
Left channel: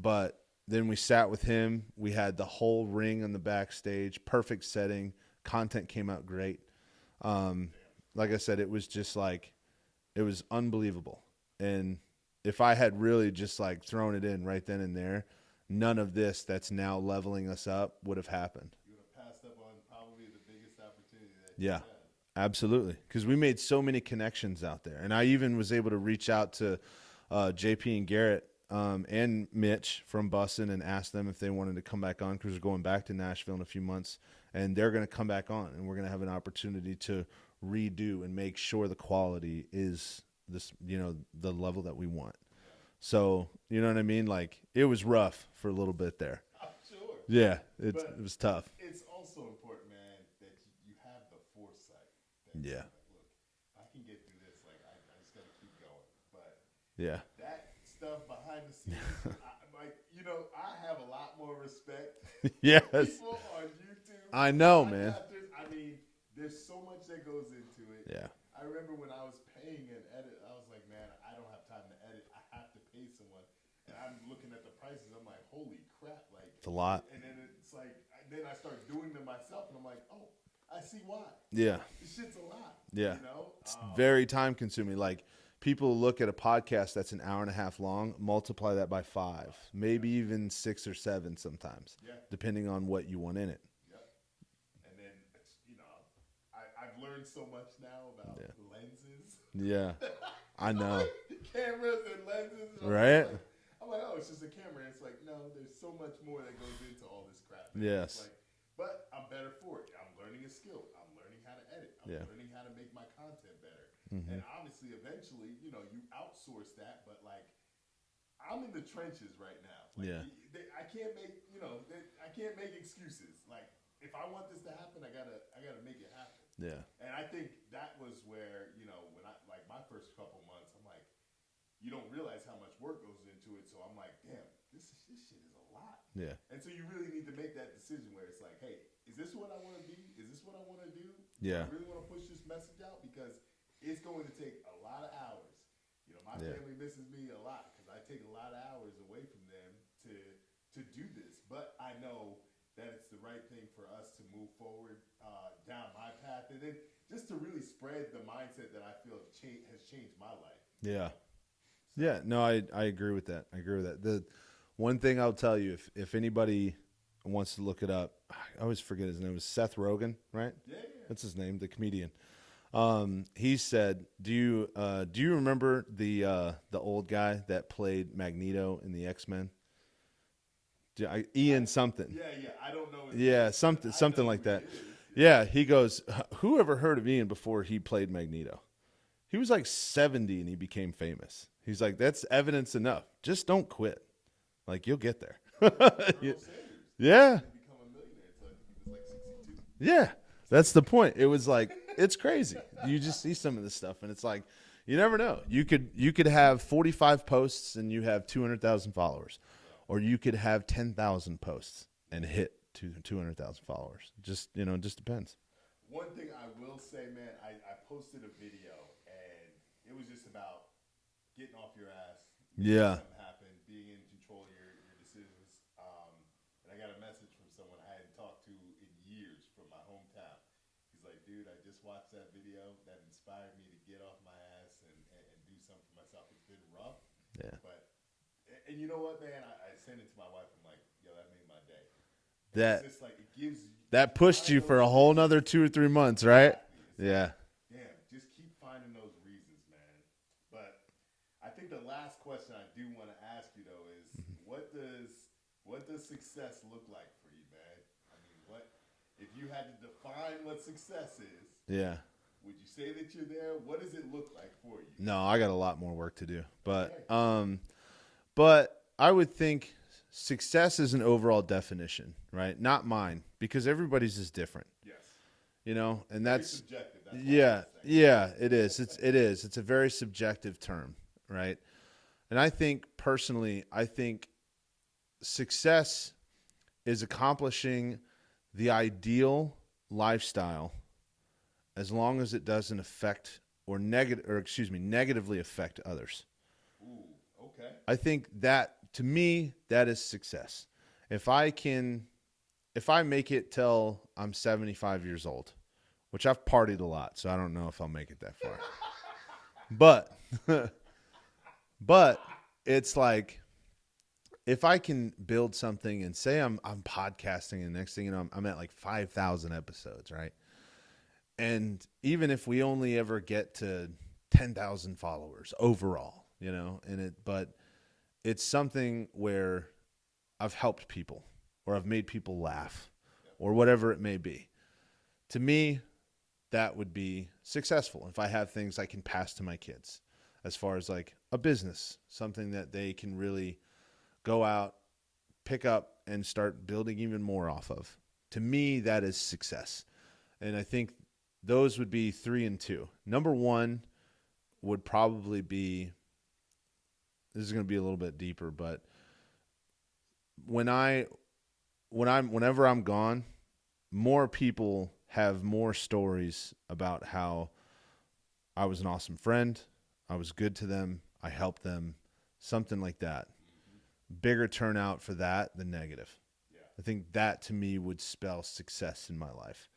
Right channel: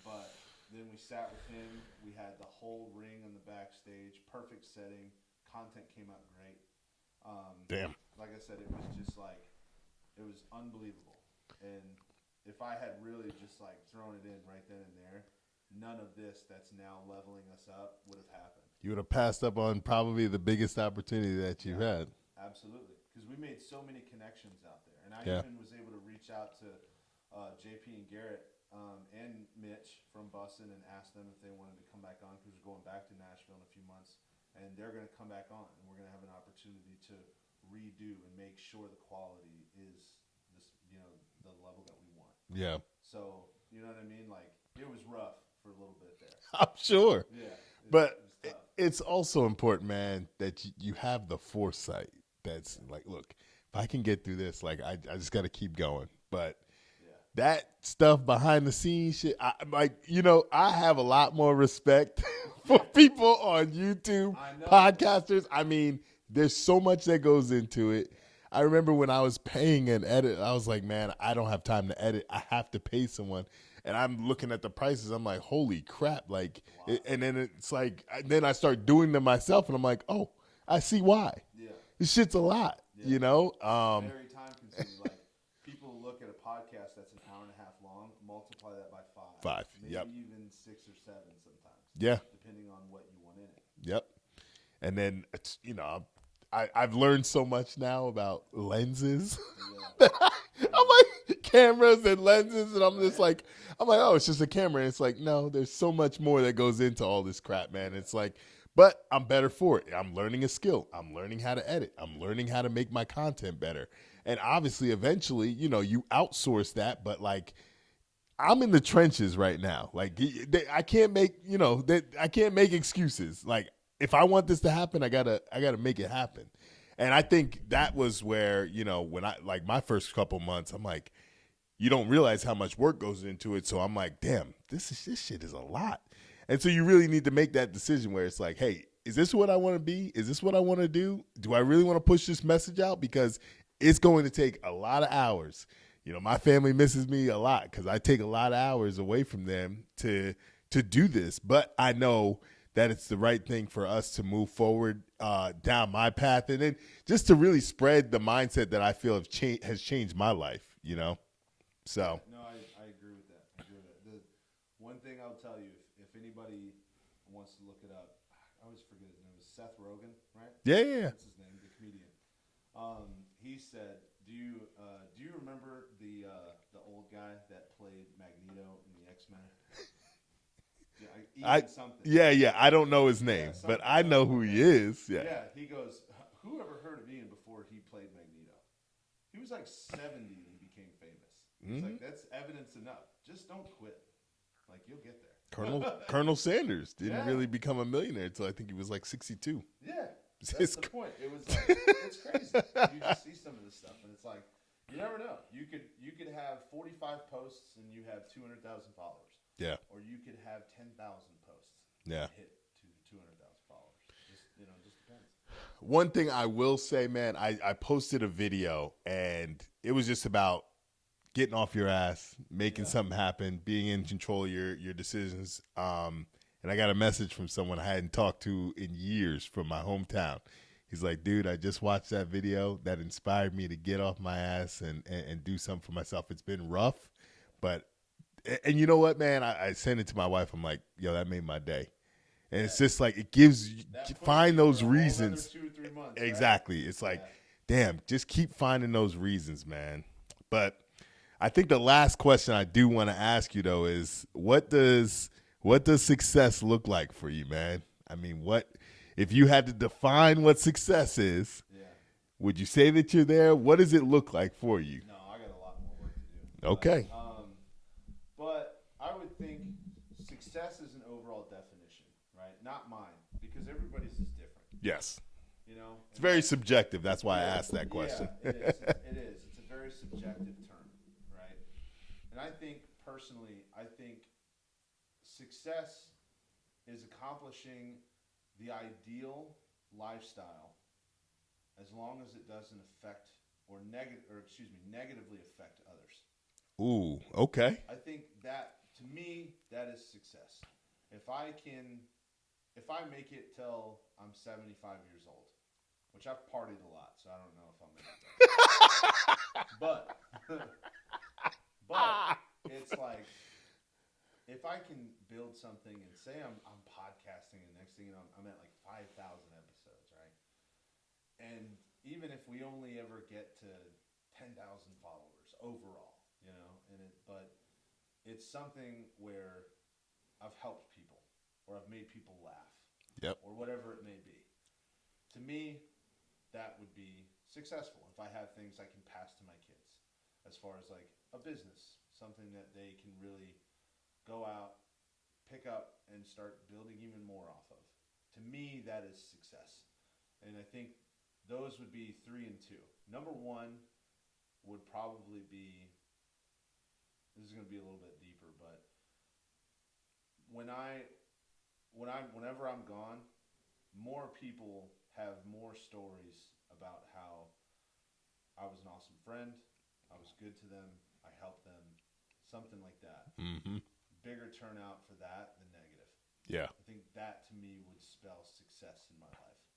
But then we sat with him. We had the whole ring on the backstage, perfect setting. Content came out great. Damn. Like I said, it was just like, it was unbelievable. And if I had really just like thrown it in right then and there, none of this that's now leveling us up would have happened. You would have passed up on probably the biggest opportunity that you had. Absolutely. Because we made so many connections out there. And I even was able to reach out to JP and Garrett and Mitch from Bussin' and ask them if they wanted to come back on, because we're going back to Nashville in a few months. And they're going to come back on, and we're going to have an opportunity to redo and make sure the quality is this, the level that we want. Yeah. So, you know what I mean? Like, it was rough for a little bit there. I'm sure. Yeah. But it was tough. It's also important, man, that you have the foresight. That's like, look, if I can get through this, like, I just got to keep going. But that stuff behind the scenes shit, I have a lot more respect for people on YouTube. I know, podcasters. Man. I mean, there's so much that goes into it. Yeah. I remember when I was paying an edit, I was like, man, I don't have time to edit. I have to pay someone. And I'm looking at the prices. I'm like, holy crap. Like, it's a lot. And then it's like, then I start doing them myself, and I'm like, oh, I see why. Yeah. This shit's a lot, It's very time consuming. Like, people look at a podcast that's an hour and a half long, multiply that by 5. Maybe even 6 or 7 sometimes. Yeah. Depending on what you want in it. Yep. And then, it's, I've learned so much now about lenses. Yeah. I'm like, cameras and lenses, and I'm Right. just like, oh, it's just a camera. And it's like, no, there's so much more that goes into all this crap, man. Yes. It's like, but I'm better for it. I'm learning a skill. I'm learning how to edit. I'm learning how to make my content better. And obviously, eventually, you know, you outsource that, but like, I'm in the trenches right now. Like, I can't make, you know, I can't make excuses. Like, if I want this to happen, I gotta make it happen. Yeah. And I think that was where, you know, when I, like, my first couple months, I'm like, you don't realize how much work goes into it. So I'm like, damn, this shit is a lot. Yeah. And so you really need to make that decision where it's like, hey, is this what I want to be? Is this what I want to do? Do I really want to push this message out? Because it's going to take a lot of hours. You know, my family misses me a lot because I take a lot of hours away from them to do this. But I know that it's the right thing for us to move forward down my path, and then just to really spread the mindset that I feel has changed my life. You know. So yeah, no, I agree with that. I agree with that. The one thing I'll tell you, if anybody wants to look it up, I always forget his name. It was Seth Rogen, right? Yeah. That's his name, the comedian. He said, "Do you remember the old guy that played Magneto in the X-Men? Ian something. Yeah. I don't know his name, something, but I know like who that. he is. Yeah, he goes, who ever heard of Ian before he played Magneto? He was like 70 and he became famous. He's like, that's evidence enough. Just don't quit. Like, you'll get there. Colonel Sanders didn't really become a millionaire until I think he was like 62. Yeah, that's the point. It was like, it's crazy. You just see some of this stuff, and it's like, you never know. You could have 45 posts and you have 200,000 followers. Yeah. Or you could have 10,000 posts and hit 200,000 followers. Just depends. One thing I will say, man, I posted a video, and it was just about getting off your ass, making something happen, being in control of your decisions. And I got a message from someone I hadn't talked to in years from my hometown. He's like, dude, I just watched that video that inspired me to get off my ass and do something for myself. It's been rough, but you know what, man? I sent it to my wife. I'm like, yo, that made my day. And it's just like, it gives you that pushed you for a whole nother 2 or 3 months, right? Exactly. It's like, damn, just keep finding those reasons, man. But I think the last question I do want to ask you though is, what does success look like for you, man? I mean, if you had to define what success is? Yeah. Would you say that you're there? What does it look like for you? No, I got a lot more work to do. Okay. But I would think success is an overall definition, right? Not mine, because everybody's is different. Yes. You know, and it's very subjective. That's why I asked that question. Yeah, it is. It is. It's a very subjective term, right? And I think personally, success is accomplishing the ideal lifestyle as long as it doesn't affect negatively affect others. Ooh, okay. I think that, to me, that is success. If I make it till I'm 75 years old, which I've partied a lot, so I don't know if I'll make it that far. But it's like, if I can build something and say I'm podcasting, and next thing you know, I'm at like 5,000 episodes, right? And even if we only ever get to 10,000 followers overall, you know, but it's something where I've helped people, or I've made people laugh, or whatever it may be. To me, that would be successful if I have things I can pass to my kids, as far as like a business, something that they can really go out, pick up, and start building even more off of. To me, that is success. And I think those would be 3 and 2. Number 1 would probably be, this is going to be a little bit deeper, but whenever I'm gone, more people have more stories about how I was an awesome friend, I was good to them, I helped them, something like that. Mm-hmm. Bigger turnout for that than negative. Yeah. I think that, to me, would spell success in my life.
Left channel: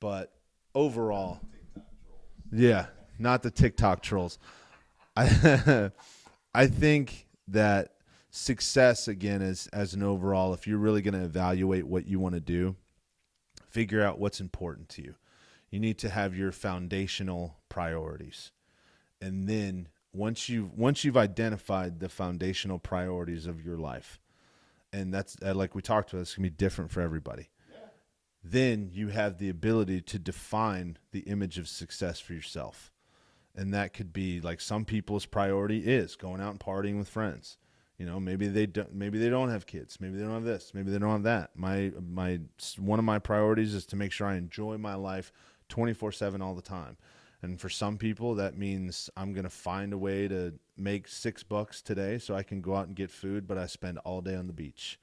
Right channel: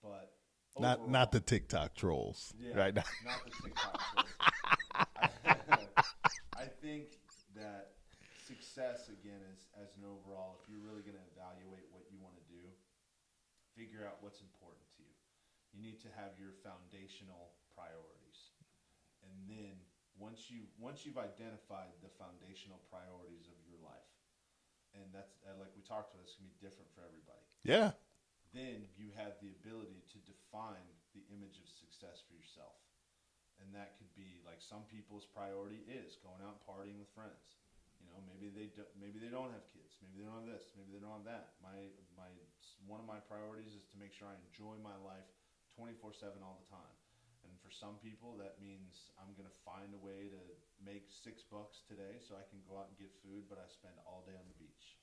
But overall, not the TikTok trolls. Yeah, right? Not the TikTok trolls. I think that success, again, as an overall, if you're really going to evaluate what you want to do, figure out what's important to you. You need to have your foundational priorities. And then once you've identified the foundational priorities of your life, and that's like we talked about, it's gonna be different for everybody. Yeah. Then you have the ability to define the image of success for yourself. And that could be like some people's priority is going out and partying with friends. You know, maybe they don't have kids. Maybe they don't have this. Maybe they don't have that. One of my priorities is to make sure I enjoy my life 24/7 all the time. And for some people, that means I'm going to find a way to make $6 today so I can go out and get food, but I spend all day on the beach.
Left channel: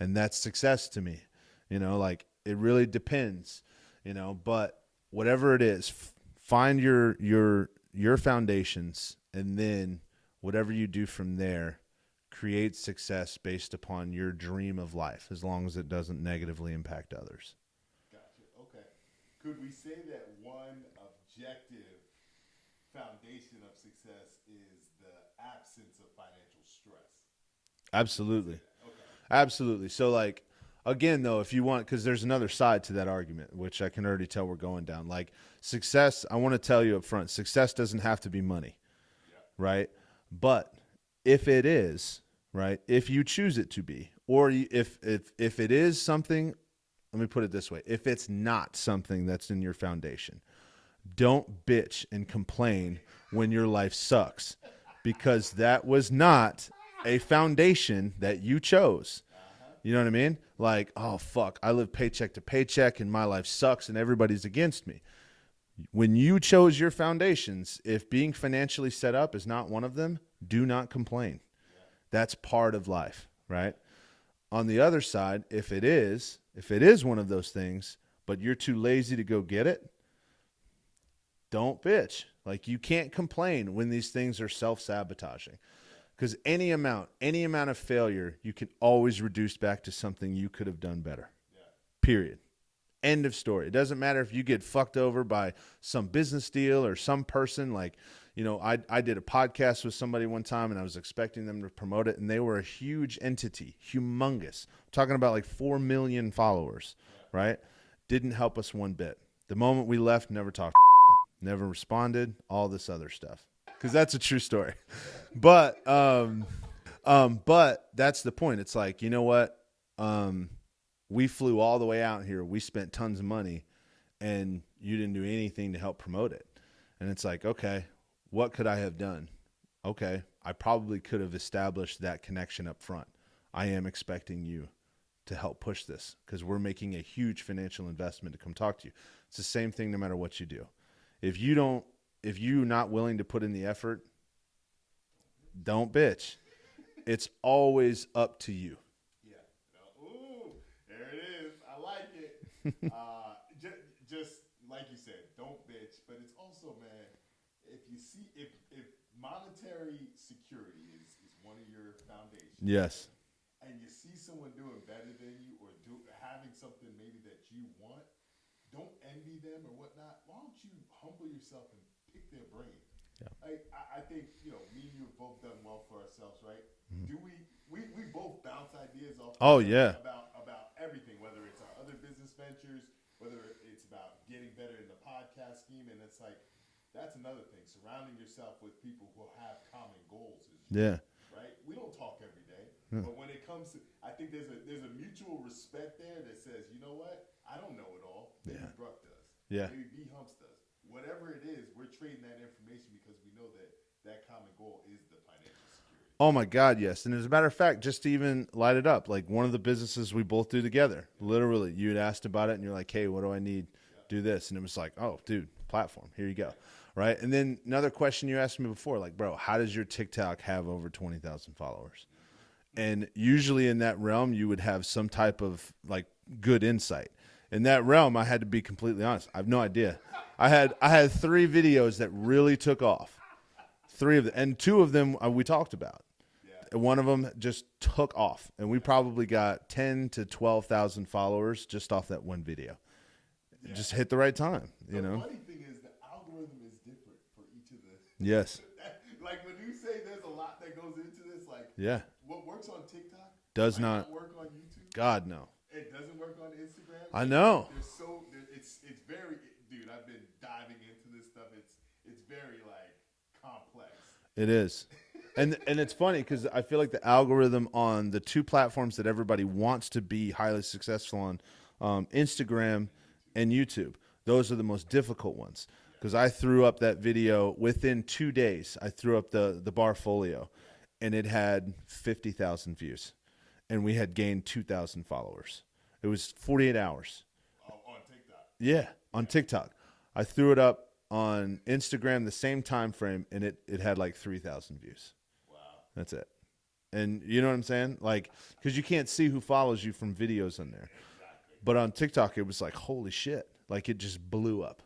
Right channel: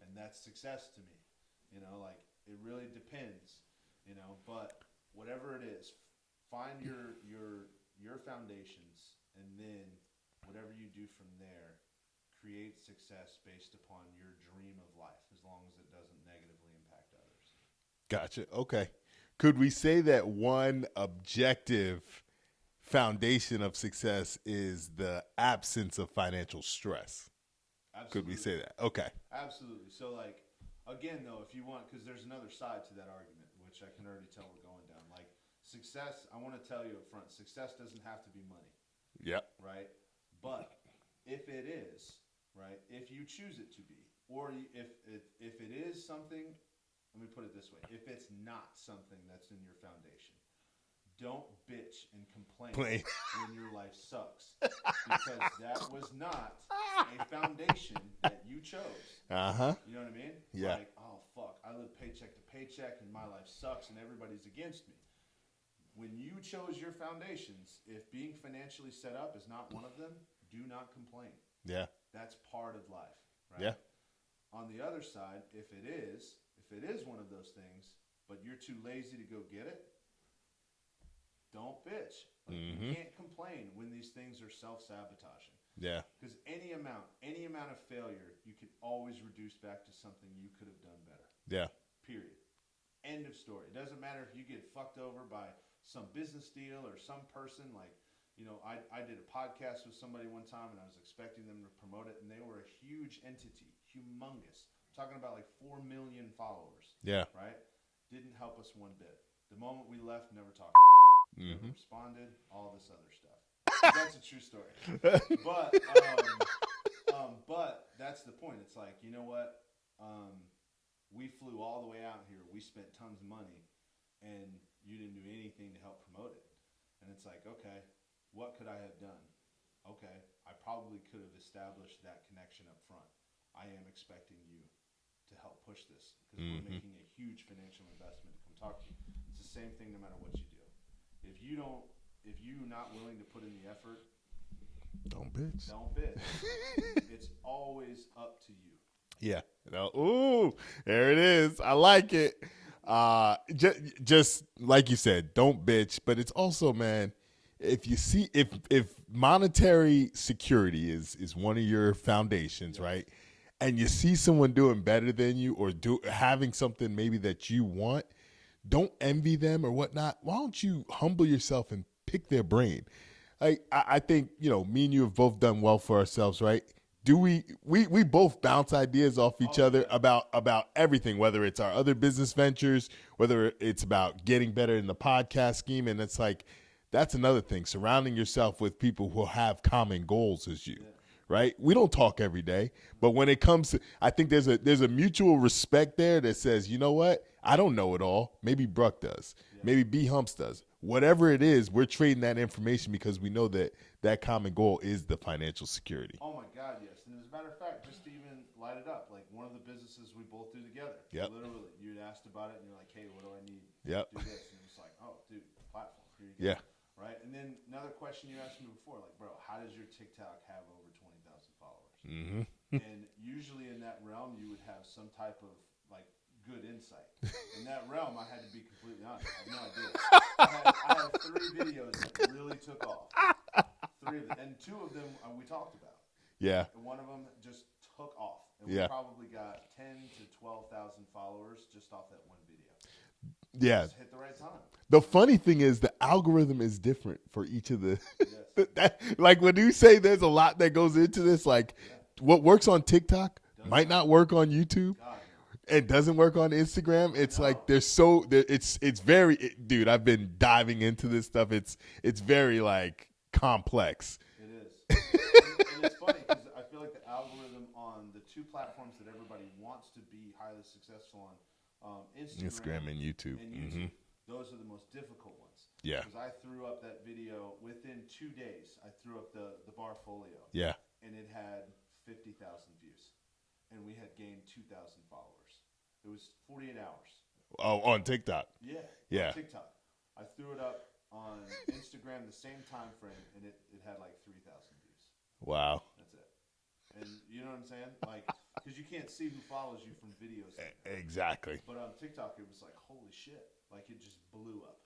And that's success to me. You know, like it really depends, you know, but whatever it is, find your foundations, and then whatever you do from there, create success based upon your dream of life, as long as it doesn't negatively impact others. Gotcha. Okay. Could we say that one objective foundation of success is the absence of financial stress? Absolutely. Could we say that? Okay. Absolutely. So like, again, though, if you want, because there's another side to that argument, which I can already tell we're going down. Like success, I want to tell you up front, success doesn't have to be money. Yep. Right? But if it is, right, if you choose it to be, or if it is something, let me put it this way. If it's not something that's in your foundation, don't bitch and complain when your life sucks, because that was not a foundation that you chose. You know what I mean? Yeah. Like, oh, fuck, I live paycheck to paycheck and my life sucks and everybody's against me. When you chose your foundations, if being financially set up is not one of them, do not complain. Yeah. That's part of life, right? Yeah. On the other side, if it is one of those things, but you're too lazy to go get it, don't bitch. Like you can't complain when these things are self-sabotaging. Yeah. Because any amount of failure, you can always reduce back to something you could have done better. Yeah. Period. End of story. It doesn't matter if you get fucked over by some business deal or some person. Like, you know, I did a podcast with somebody one time and I was expecting them to promote it, and they were a huge entity, humongous. I'm talking about like 4 million followers. Yeah. Right? Didn't help us one bit. The moment we left, never talked, never responded, all this other stuff. 'Cause that's a true story. But that's the point. It's like, you know what? We flew all the way out here. We spent tons of money, and you didn't do anything to help promote it. And it's like, okay, what could I have done? Okay, I probably could have established that connection up front. I am expecting you to help push this because we're making a huge financial investment to come talk to you. It's the same thing no matter what you do. If you're not willing to put in the effort, don't bitch. It's always up to you. Yeah. Ooh, there it is. I like it. Just like you said, don't bitch. But it's also, man, if monetary security is one of your foundations, yes. right? And you see someone doing better than you or having something maybe that you want, don't envy them or whatnot. Why don't you humble yourself and pick their brain? Yeah. I think, you know, me and you have both done well for ourselves, right? Do we both bounce ideas off each other about everything, whether it's our other business ventures, whether it's about getting better in the podcast scheme. And it's like, that's another thing, surrounding yourself with people who have common goals as you. Yeah. Right? We don't talk every day, but when it comes to, I think there's a mutual respect there that says, you know what? I don't know it all. Maybe Bruck does. Yeah. Maybe B Humps does. Whatever it is, we're trading that information because we know that common goal is the financial security. Oh my God, yes. And as a matter of fact, just to even light it up, like one of the businesses we both do together, literally, you had asked about it and you're like, hey, what do I need? Do this. And it was like, oh, dude, platform. Here you go. Yeah. Right. And then another question you asked me before, like, bro, how does your TikTok have over 20,000 followers? And usually in that realm, you would have some type of like good insight. In that realm, I had to be completely honest. I have no idea. I had 3 videos that really took off. 3 of them, and 2 of them we talked about. Yeah. And one of them just took off, and we probably got 10 to 12,000 followers just off that one video. Yeah. Just hit the right time. The funny thing is the algorithm is different for each of the. Yes. Like when you say there's a lot that goes into this, like what works on TikTok might not work on YouTube. God, no. It doesn't work on Instagram. I know. Like it's very, dude, I've been diving into this stuff. It's very like complex. It is. and it's funny because I feel like the algorithm on the two platforms that everybody wants to be highly successful on, Instagram and YouTube. Those are the most difficult ones. Yeah. Because I threw up that video within 2 days. I threw up the bar folio. Yeah. And it had 50,000 views. And we had gained 2,000 followers. It was 48 hours. Oh, on TikTok. Yeah, on TikTok. I threw it up on Instagram the same time frame, and it had like 3,000 views. Wow. That's it. And you know what I'm saying? Like, because you can't see who follows you from videos on there. Exactly. But on TikTok, it was like, holy shit. Like, it just blew up.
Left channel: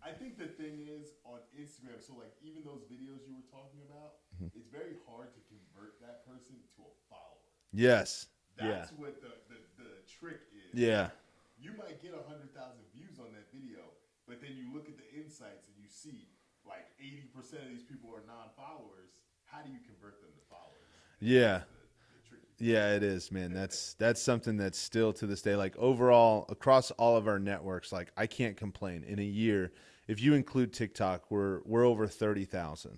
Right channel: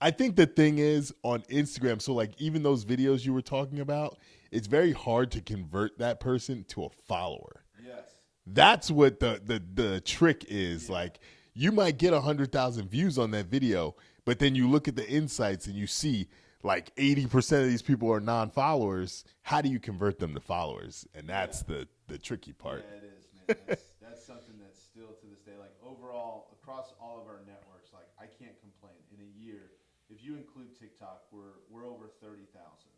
I think the thing is on Instagram, so like even those videos you were talking about, it's very hard to convert that person to a follower. Yes. That's what the trick is. Yeah. Like, you might get 100,000 views on that video, but then you look at the insights and you see like 80% of these people are non-followers. How do you convert them to followers? And that's the tricky part. Yeah, it is, man. That's something that's still to this day, like overall across all of our networks, like I can't complain. In a year, if you include TikTok, we're over 30,000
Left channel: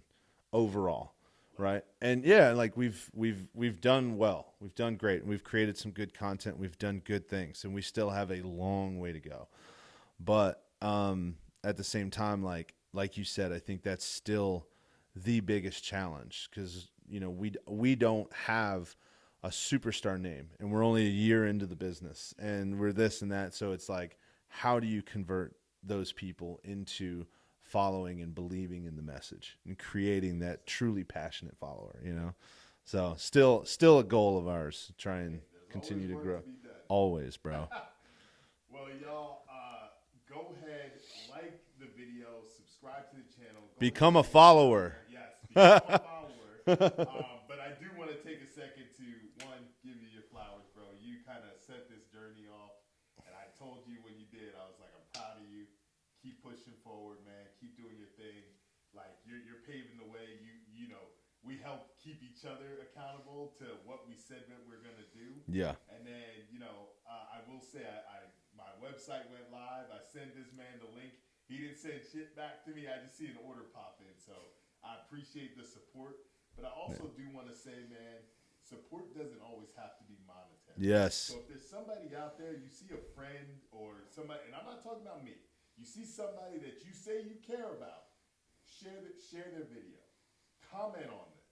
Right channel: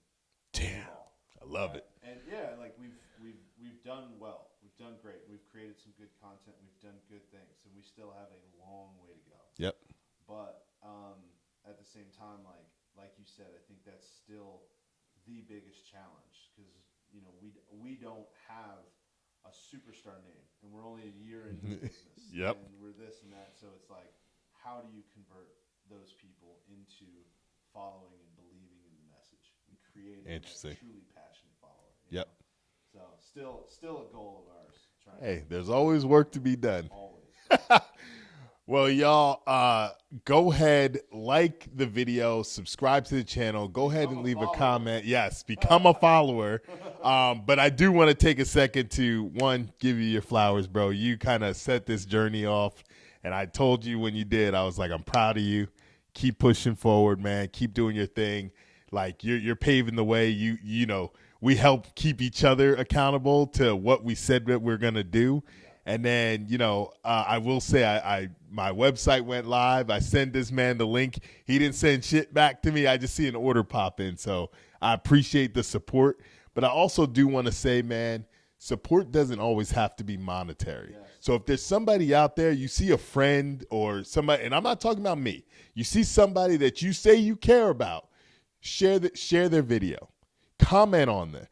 overall. I love it. And yeah, like we've done well. We've done great. And we've created some good content. We've done good things, and we still have a long way to go. Yep. But at the same time, like you said, I think that's still the biggest challenge because we don't have a superstar name, and we're only a year into the business, and we're this and that. So it's like, how do you convert those people into following and believing in the message and creating that truly passionate follower? You know, so still a goal of ours. There's always work to be done. Always, bro. Well, y'all, go ahead, like the video, subscribe to the channel. Become ahead and a follower. A comment. Yes, become a follower. But I do want to take a second to, one, give you your flowers, bro. You kind of set this journey off, and I told you when you did, I was like, I'm proud of you. Keep pushing forward, man. Keep doing your thing. Like, you're paving the way. You know, we help keep each other accountable to what we said that we're going to do. Yeah. And then, I will say my website went live. I sent this man the link. He didn't send shit back to me. I just see an order pop in. So I appreciate the support. But I also do want to say, man, support doesn't always have to be monetary. Yes. So if there's somebody out there, you see a friend or somebody, and I'm not talking about me, you see somebody that you say you care about, share their video. Comment on there.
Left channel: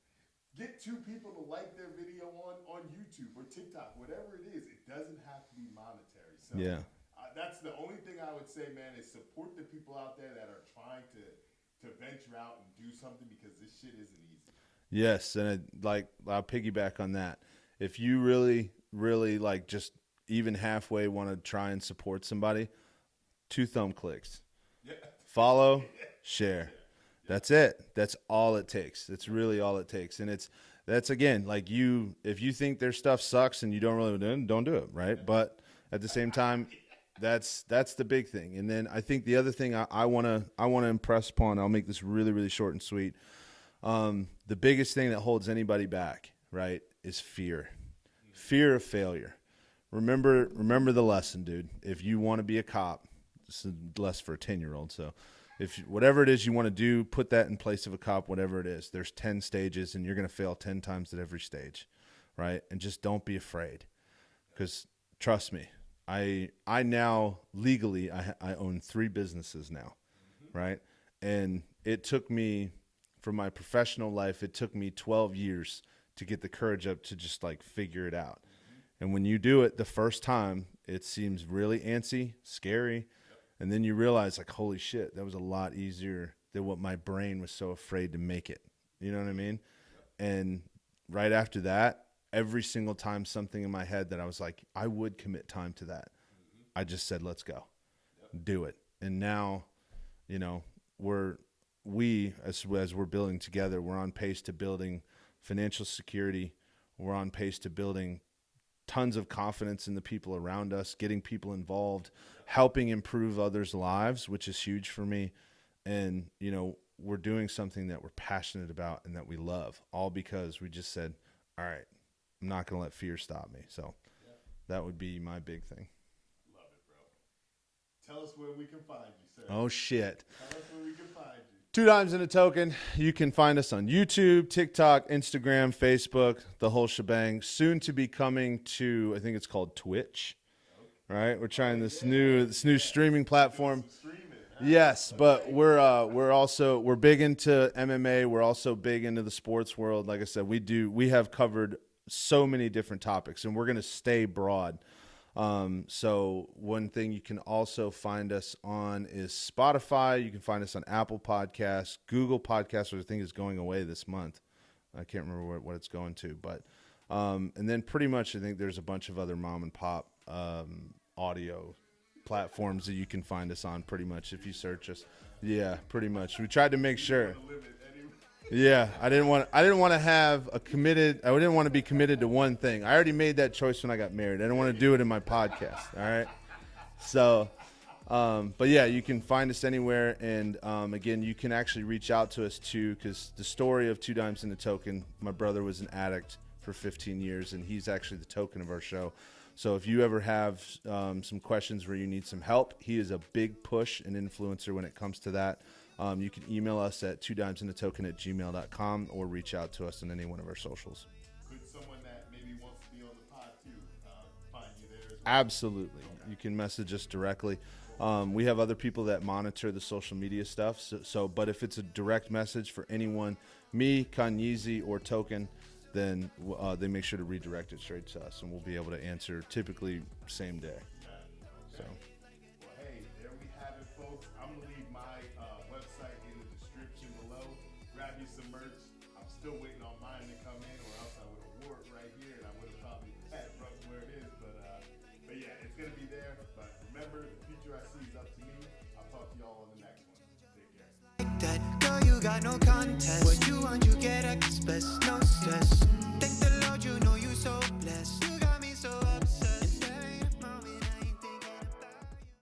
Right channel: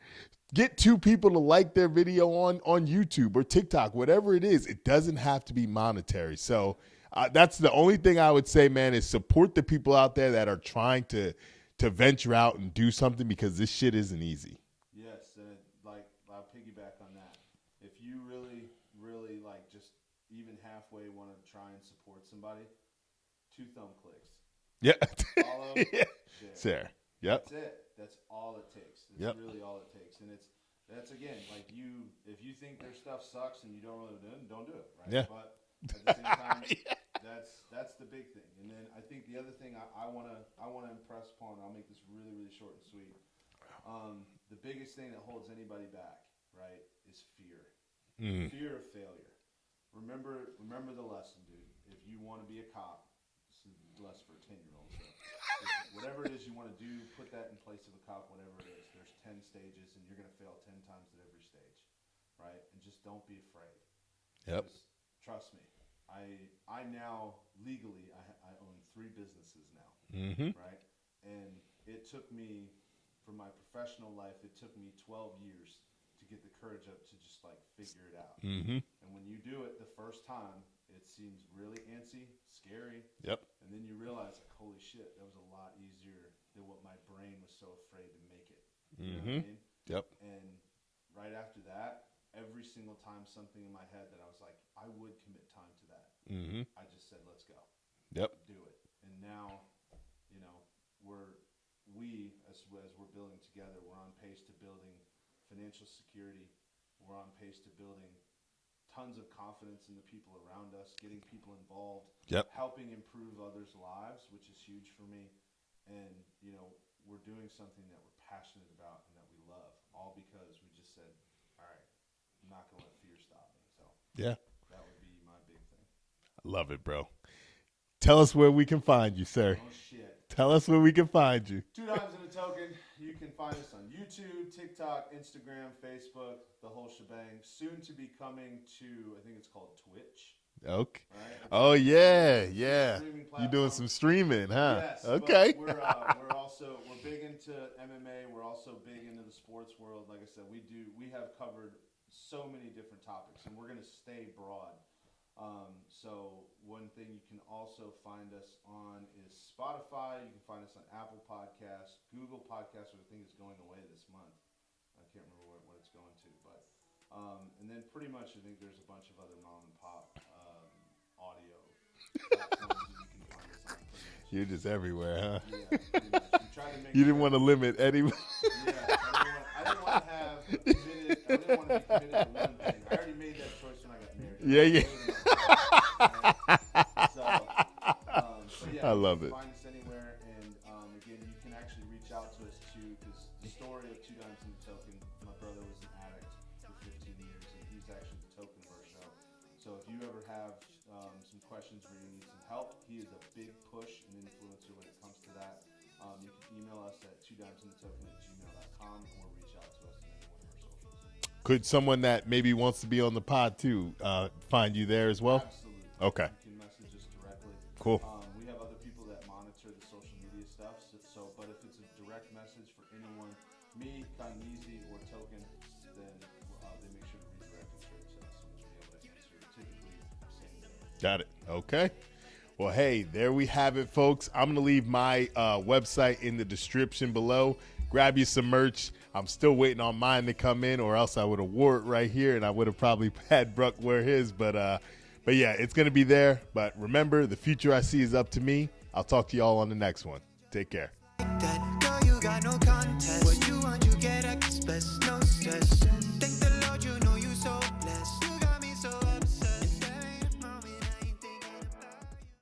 Get 2 people to like their video on YouTube or TikTok, whatever it is. It doesn't have to be monetary. So that's the only thing I would say, man, is support the people out there that are trying to venture out and do something, because this shit isn't easy. Yes, and I'll piggyback on that. If you really, really like just even halfway want to try and support somebody, 2 thumb clicks. Yeah. Follow, share. Yep. That's it. That's all it takes. That's really all it takes. And that's again, like if you think their stuff sucks and you don't really don't do it, right? Yeah. But at the same time, that's the big thing. And then I think the other thing I wanna impress upon, I'll make this really, really short and sweet. The biggest thing that holds anybody back, right, is fear. Fear of failure. Remember the lesson, dude. If you want to be a cop, this is less for a 10-year-old. So if whatever it is you want to do, put that in place of a cop, whatever it is. There's 10 stages, and you're going to fail 10 times at every stage, right? And just don't be afraid. Because trust me, I now legally, I own 3 businesses now, right? And it took me, for my professional life, it took me 12 years to get the courage up to just like figure it out. And when you do it the first time, it seems really antsy, scary. And then you realize, like, holy shit, that was a lot easier than what my brain was so afraid to make it. You know what I mean? And right after that, every single time something in my head that I was like, I would commit time to that. I just said, let's go. Do it. And now, as we're building together, we're on pace to building financial security. We're on pace to building tons of confidence in the people around us, getting people involved, helping improve others' lives, which is huge for me. And, we're doing something that we're passionate about and that we love, all because we just said, all right, I'm not going to let fear stop me. So that would be my big thing. I love it, bro. Tell us where we can find you, sir. Oh, shit. Tell us where we can find you. 2 Dimes and a Token. You can find us on YouTube, TikTok, Instagram, Facebook, the whole shebang. Soon to be coming to, I think it's called Twitch. Okay. Right? We're trying this new streaming platform. You're doing some streaming, huh? Yes, okay. but we're big into MMA. We're also big into the sports world. Like I said, we have covered so many different topics, and we're going to stay broad. So one thing you can also find us on is Spotify. You can find us on Apple Podcasts, Google Podcasts, which I think is going away this month. I can't remember what it's going to, but and then pretty much I think there's a bunch of other mom and pop audio platforms that you can find us on. Pretty much, you're just everywhere, huh? Yeah, pretty much. We tried to make you sure. You didn't want to limit anyone. Yeah, I didn't want to have a committed. I didn't want to be committed to one thing. I already made that choice when I got married. I didn't want to do it in my podcast. All right. So, but yeah, you can find us anywhere, and again, you can actually reach out to us too, because the story of 2 Dimes and a Token. My brother was an addict for 15 years, and he's actually the token of our show. So if you ever have some questions where you need some help, he is a big push and influencer when it comes to that. You can email us at 2dimesandatoken@gmail.com or reach out to us on any one of our socials. Could someone that maybe wants to be on the pod too find you there as well? Absolutely. Okay. You can message us directly. Cool. We have other people that monitor the social media stuff. But if it's a direct message for anyone, me, Kanyeezy, or Token, then they make sure to redirect it straight to us, and we'll be able to answer typically same day. Got it. Okay. Well, hey, there we have it, folks. I'm going to leave my website in the description below. Grab you some merch. I'm still waiting on mine to come in, or else I would have wore it right here, and I would have probably had Bruck wear his. But yeah, it's going to be there. But remember, the future I see is up to me. I'll talk to you all on the next one. Take care. That girl, you got no contest. What you want, you get express, no stress.